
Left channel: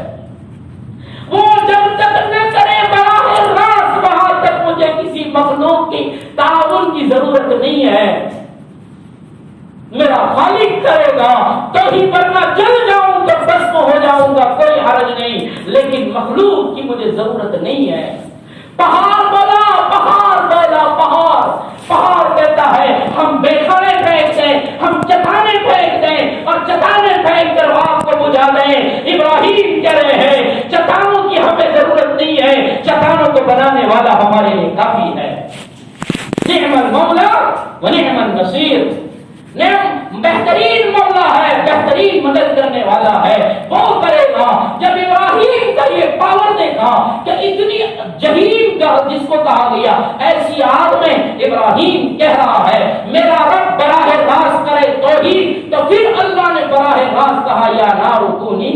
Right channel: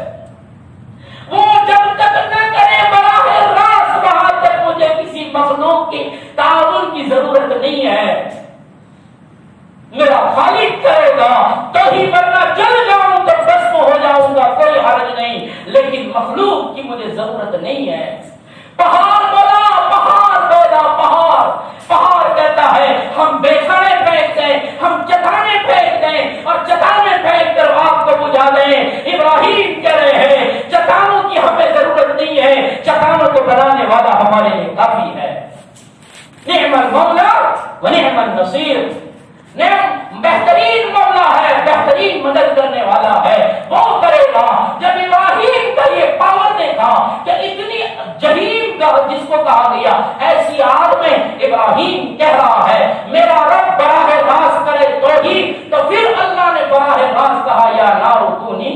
وہ جب تک نہ کرے براہ راست وہاں تک مجھے کسی مخلوق کی تعاون کی ضرورت نہیں ہے، میرا خالق کرے گا تو ہی، ورنہ جل جاؤں تو بسم ہو جاؤں گا، کوئی حرج نہیں، لیکن مخلوق کی مجھے ضرورت نہیں ہے۔ پہاڑ بولا، پہاڑ بولا، پہاڑ کہتا ہے ہم بیخڑے پھینک دیں، ہم چٹانیں پھینک دیں اور چٹانیں پھینک کر آگ کو بجھا دیں۔ ابراہیم کہہ رہے ہیں چٹانوں کی ہمیں ضرورت نہیں ہے، چٹانوں کو بنانے والا ہمارے لیے کافی ہے۔ نعم المولا و نعم النصیر، بہترین مولا ہے، بہترین مدد کرنے والا ہے، وہ کرے گا۔ جب ابراہیم کا یہ پاور دیکھا کہ اتنی جہنم کا جس کو کہا گیا ایسی آگ میں ابراہیم کہہ رہا ہے میرا رب براہ راست کرے تو پھر اللہ نے براہ راست کہا یا نار کونی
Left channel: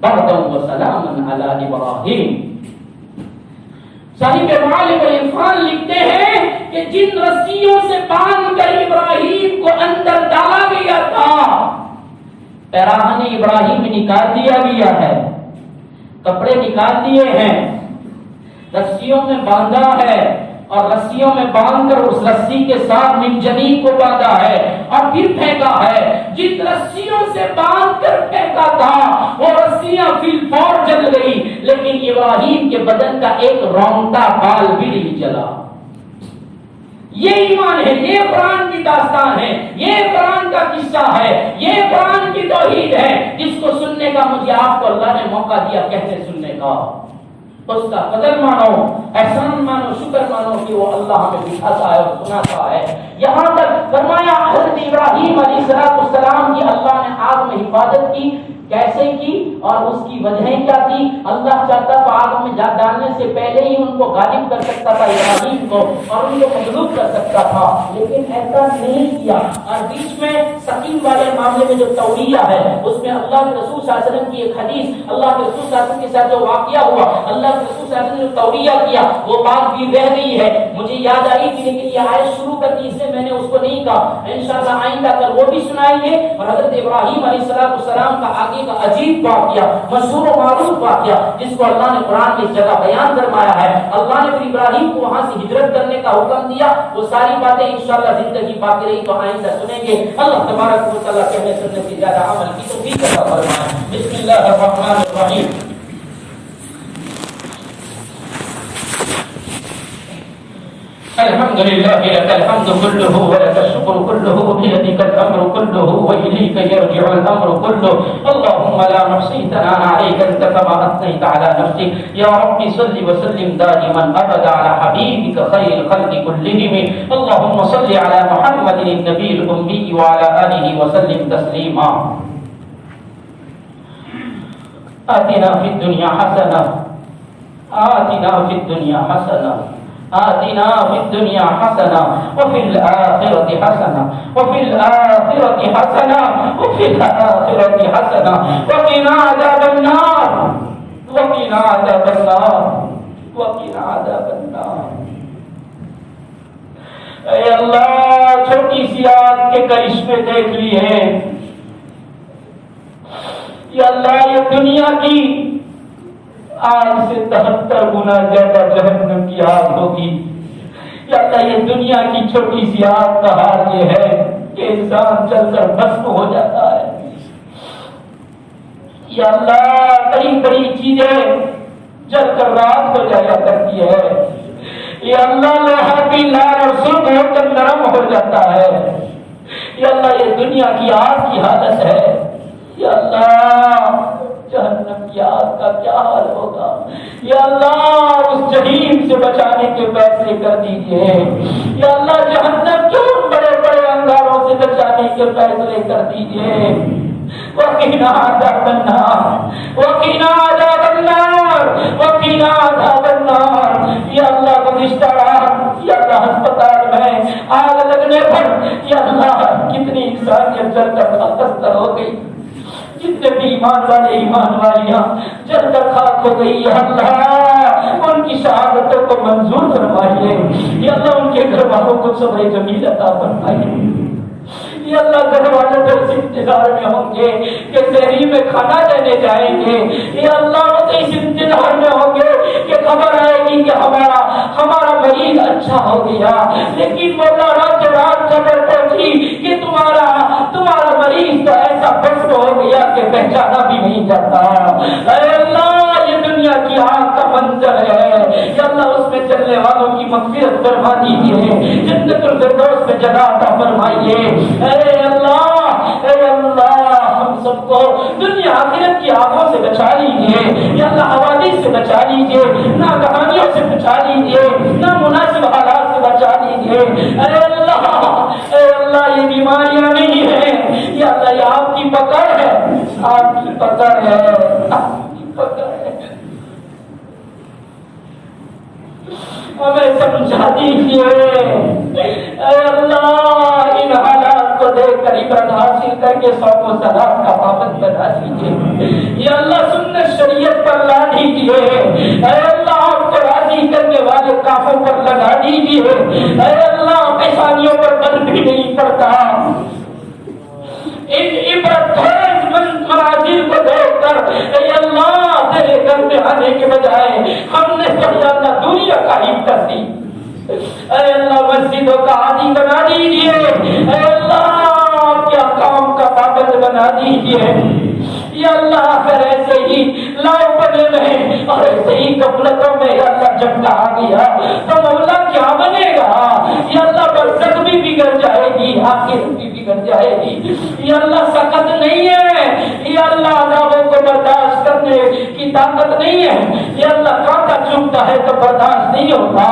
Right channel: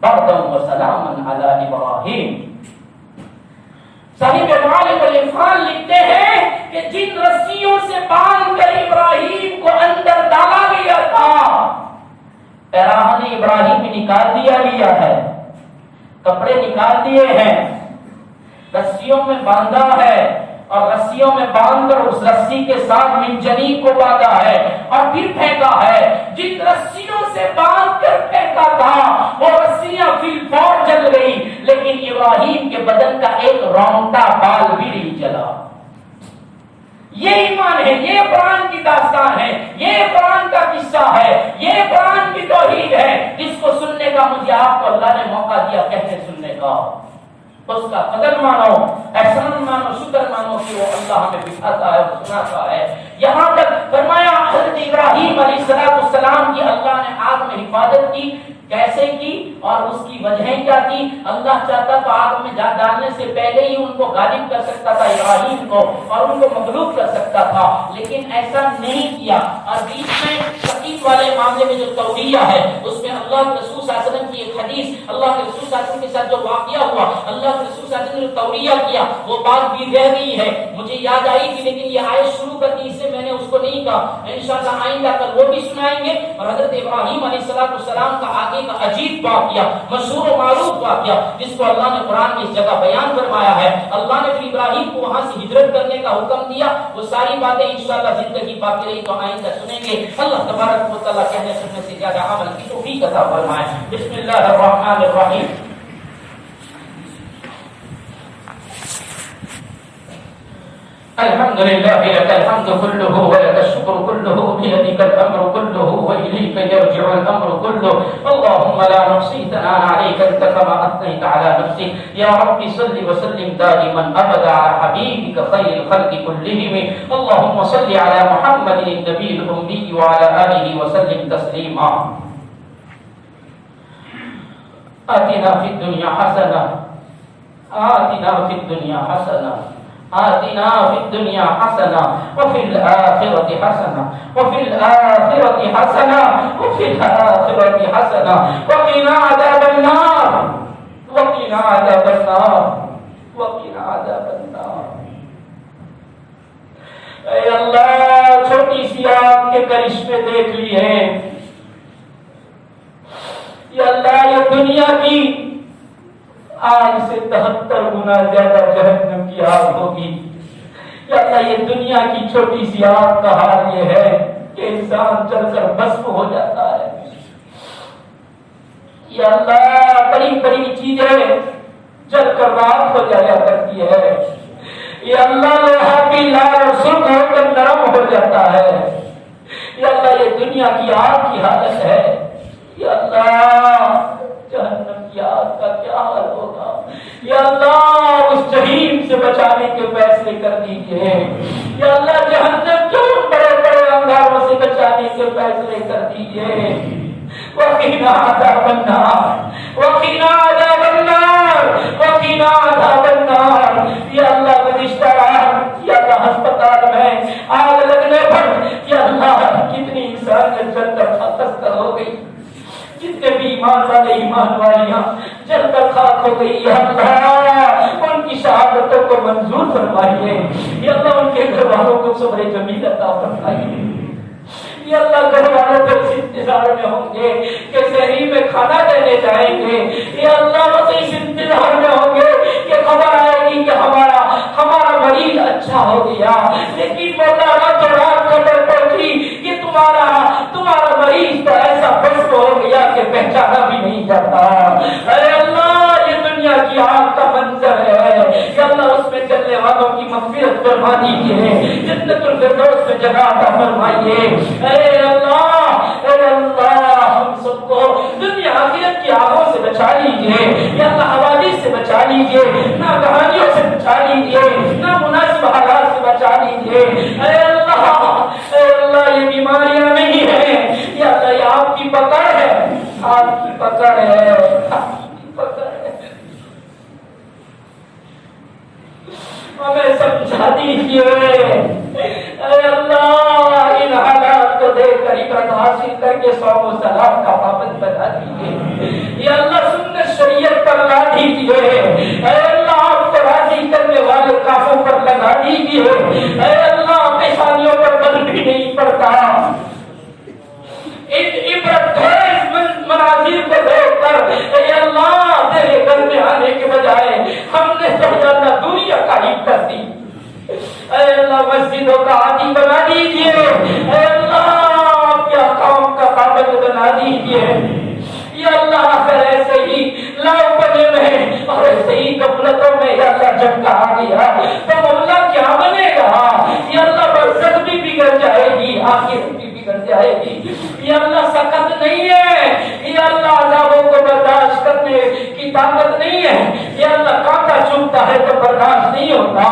بردا وسلاما علی ابراہیم۔ صاحب معالم العرفان لکھتے ہیں کہ جن رسیوں سے باندھ کر ابراہیم کو اندر ڈالا گیا تھا، پیراہن ابراہیم نکال دیا گیا ہے، کپڑے نکال دیے ہیں، رسیوں میں باندھا ہے اور رسیوں میں باندھ کر اس رسی کے ساتھ منجنیق کو باندھا ہے اور پھر پھینکا ہے۔ جن رسیوں سے باندھ کر پھینکا تھا وہ رسیاں فی الفور جل گئی، لیکن ابراہیم کے بدن کا ایک رونگٹا بال بھی نہیں جلا۔ یہ ایمان ہے، یہ قرآن کی داستان ہے، یہ قرآن کا قصہ ہے، یہ قرآن کی توحید ہے، جس کو سننے کا مجھے آپ کو اللہ نے موقع دیا کہتے سننے کا۔ اس کا قدر مانو، احسان مانو، شکر مانو کہ وہ اللہ ہمیں بٹھاتا ہے اور سناتا ہے۔ یہاں تک فرمایا حضرت ابراہیم علیہ السلام کی اللہ نے آگ میں حفاظت کی، کیسے کی اور اس کی وجہیں کیا تھی؟ اللہ چاہتا تو آگ میں ڈالنے سے پہلے ہی ان کو غالب کر سکتا تھا ابراہیم کو اور ان کو مغلوب کر سکتا تھا، لیکن ایسا نہیں کیا۔ اور بیچ میں سقیم والے معاملے میں جو توریہ ہے اس میں اللہ کے رسول صلی اللہ علیہ وسلم کی ایک حدیث، اللہ کے رسول صلی اللہ علیہ وسلم کے ساتھ جو واقعہ ہوا، اللہ کے رسول صلی اللہ علیہ وسلم نے توریہ کیا، وہ بات بھی رہ گئی ہے، مجھے یاد آئی تھی لیکن یہ آیت شروع کر دی اس سے میں نے اس کو نہیں کہا، انشاءاللہ آئندہ کل وہ بھی سنائیں گے۔ اور حضرت ابراہیم علیہ السلام کا آگے کا عجیب واقعہ، مشہور و معروف واقعہ جس کو اللہ نے قرآن کی اس جگہ بیان فرمایا ہے۔ اللہ نے پھر ابراہیم کو وہاں سے ہجرت کرنے کا حکم دیا، وہ ساری باتیں انشاءاللہ زندگی باقی رہی تو آئندہ سنیں گے۔ اللہ تبارک و تعالیٰ کہنے سننے سے زیادہ عمل کی توفیق عطا فرمائے۔ بسم اللہ الرحمن الرحیم۔ الحمد لله لك الحمد كله ولك الشكر كله بيدك الامر كله واليك يرجع الامر كله اللهم لا نحصي ثناء عليك انت كما اثنيت على نفسك يا رب صل وسلم دائما ابدا على حبيبك خير الخلق كلهم اللهم صل على محمد النبي الامي وعلى اله وسلم تسليما آتنا في الدنيا حسنه آتنا في الدنيا حسنه آتنا في الدنيا حسنة وفي الآخرة حسنة وفي الآخرة حسنة وفي الآخرة حسنة وقنا عذاب النار وقنا عذاب النار وقنا عذاب النار۔ اے اللہ چھوٹی سی آگ کے کرشمے دیکھ لیے، یا اللہ یہ دنیا کی آج سے 73 گنا زیادہ جہنم کی آگ ہوگی۔ یا اللہ یہ دنیا کی چھوٹی سی آگ کا حال یہ ہے کہ انسان جل کر بھسم ہو جاتا ہے۔ یا اللہ بڑی بڑی چیزیں جل کر راکھ ہو جایا کرتی ہے، یا اللہ لوہا بھی لال اور سرخ ہو کر نرم ہو جاتا ہے، یا اللہ یہ دنیا کی آگ کی حالت ہے، یا اللہ جہنم کی آگ کا کیا حال ہوگا، یا اللہ اس جہنم سے بچانے کے فیصلے کر دیجئے، یا اللہ جہنم کے ان بڑے بڑے انگاروں سے بچانے کے فیصلے کر دیجئے، وقنا عذاب النار وقنا عذاب النار وقنا عذاب النار۔ یا اللہ گزشتہ رات یا اللہ ہسپتال میں آگ لگنے پر یا اللہ کتنی انسانیت جل کر خاکستر ہو گئی، جتنے بھی ایمان والے ایمان والیاں جل کر خاک ہو گئی، یا اللہ ان کی شہادتوں کو منظور فرمائیے، یا اللہ ان کے گھر والوں کو صبر جمیل عطا فرمائیے، یا اللہ گھر والوں کو اس انتظار میں ہوں گے کہ سحری میں کھانا دینے جائیں گے، یا اللہ وہ تو اس انتظار میں ہوں گے کہ خبر آئے گی کہ ہمارا مریض اچھا ہو گیا، لیکن مولا رات رات خبر پہنچی کہ تمہارا مریض تو ایسا بس ہو گیا کہ پہچانا بھی نہیں جاتا۔ اے اللہ یہ دنیا کی آگ کا منظر ہے، یا اللہ اس میں چلنے والوں کی مغفرت فرما دیجیے، جنت الفردوس میں جگہ عطا فرمائیے۔ اے اللہ ہم سب کو دنیا آخرت کی آگوں سے بچا لیجیے، یا اللہ حوادث سے بچا لیجیے، ناگہانیوں سے بچا لیجیے، نامناسب حالات سے بچا لیجیے۔ اے اللہ یہ بیماریاں نہیں ہیں، یا اللہ یہ آپ کی پکڑ ہے، آپ کی پکڑ ہے، آپ کی پکڑ ہے، ہمیں سمجھا دیجیے۔ اے اللہ ان حالات کو دیکھ کر عبرت حاصل کر کے صوم و صلات کا پابند بنا دیجیے، یا اللہ سنت شریعت پر لا دیجیے، اے اللہ آپ کو راضی کرنے والے کاموں پر لگا دیجیے، اے اللہ پیشانیوں پر بل بھی نہیں پڑتا، ان عبرت خیز مناظر کو دیکھ کر اے اللہ تیرے گھر میں آنے کے بجائے ہم نے سمجھانا دوریاں قائم کر دی۔ اے اللہ مسجدوں کا عادی بنا دیجیے، اے اللہ کیا کام کا پابند بنا دیجیے، یا اللہ پھر ایسے ہی لاؤ بنے میں اور ایسے ہی غفلتوں میں یا اللہ جب کہا گیا تو مولا کیا بنے گا، یا اللہ برزخ بھی بگڑ جائے گی، آخرت بھی بگڑ جائے گی، یا اللہ سخت نہیں ہے، یا اللہ عذابوں کو برداشت کرنے کی طاقت نہیں ہے، یا اللہ کانٹا چبھتا ہے تو برداشت نہیں ہوتا،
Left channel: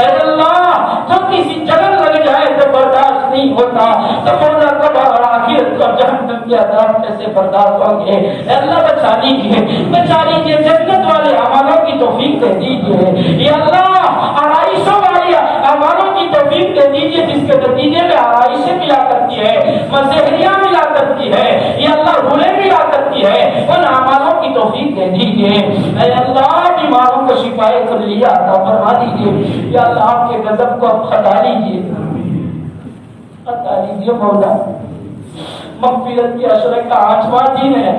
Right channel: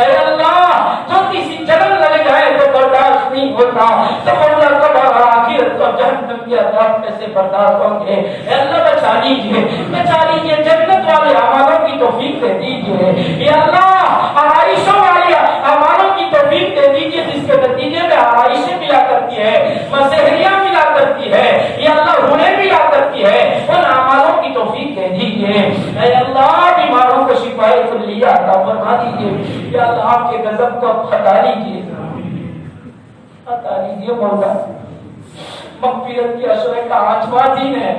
اے اللہ چھوٹی سی جلن لگ جائے تو برداشت نہیں ہوتا، تو مولا قبر اور آخرت اور جہنم کے عذاب میں سے برداشت ہوں گے، اے اللہ بچا لیجیے جنت والے اعمالوں کی توفیق دے دیجیے، یا اللہ آرائشوں والے اعمالوں کی توفیق دے دیجیے جس کے نتیجے میں آرائشیں ملا کرتی ہے، مسحریاں ملا کرتی ہے، یا اللہ روحیں ملا کرتی ہے، ان اعمالوں کی توفیق دے دیجیے، اے اللہ بیماروں کو شفاء کلیہ عطا فرما دیجیے، یا اللہ آپ کے غضب کو ہٹا لیجیے مولا، مغفرت کی عشرہ کا 8واں دن ہے،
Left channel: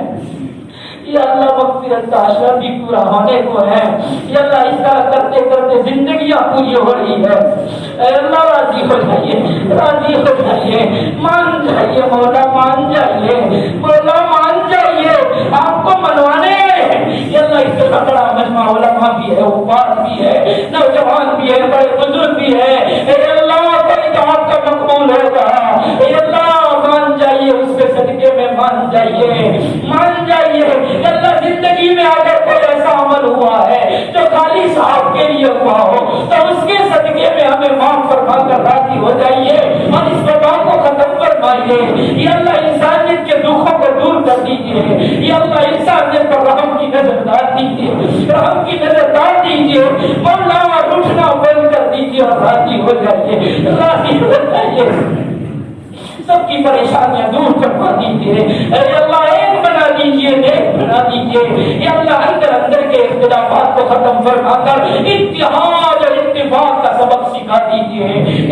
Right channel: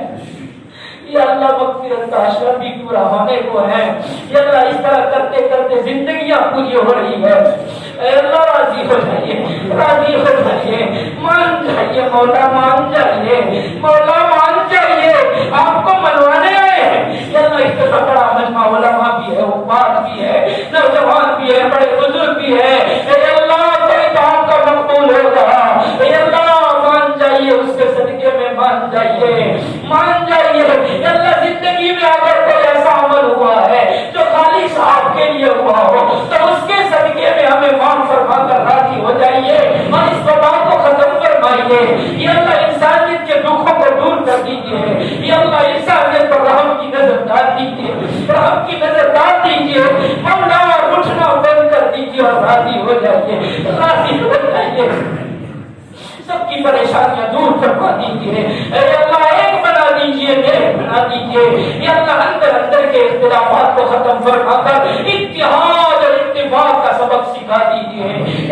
یا اللہ مغفرت کا عشرہ بھی پورا ہونے کو ہے، یا اللہ اس طرح کرتے کرتے زندگیاں پوری ہو رہی ہے، اے اللہ راضی ہو جائیے، مان جائیے مولا، مان جائیے مولا، مان جائیے، آپ کو منوانے آئے ہیں، یا اللہ اس طرح بڑا مجمع علماء بھی ہے، حفاظ بھی ہے، نوجوان بھی ہے، بڑے بزرگ بھی ہے، اے اللہ کوئی تو آپ کا مقبول ہوگا، اے اللہ مان جائیے، اس کے صدقے میں مان جائیے، اللہ زندگی میں اگر کوئی ایسا عمل ہوا ہے جو خالی صاحب کے لیے ہوا ہو تو اس کے صدقے میں ہمیں معاف فرما کر راضی ہو جائیے اور اس وبا کو ختم فرمائیے، یا اللہ انسانیت کے دکھوں کو دور کر دیجیے، یا اللہ انسانیت پر رحم کی نظر ڈال دیجیے، مولا اٹھنا بند کر دیجیے اور راضی ہو جائیے، سب کی پریشانیاں دور کروا دیجیے، اے اللہ ایک بنا دیجیے، نیک بنا دیجیے، یا اللہ اندر کے اختلافات کو ختم فرما کر اتحاد اور اتفاق کا سبق سکھا دیجیے،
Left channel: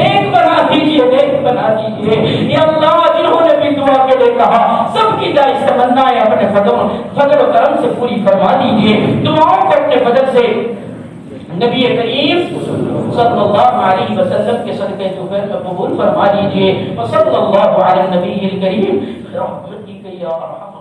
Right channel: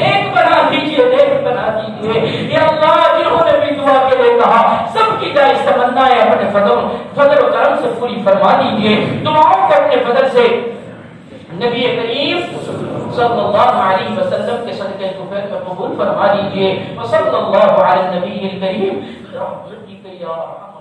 ایک بنا دیجیے، نیک بنا دیجیے، یا اللہ جنہوں نے بھی دعا کے لیے کہا سب کی جائز تمنائیں اپنے فضل و کرم سے پوری فرما دیجیے، دعاؤں کو اپنے فضل سے نبی کریم صلی اللہ علیہ وسلم کے صدقے توفیق میں قبول فرما لیجیے، وصلی اللہ علی النبی الکریم برحمتک یا ارحم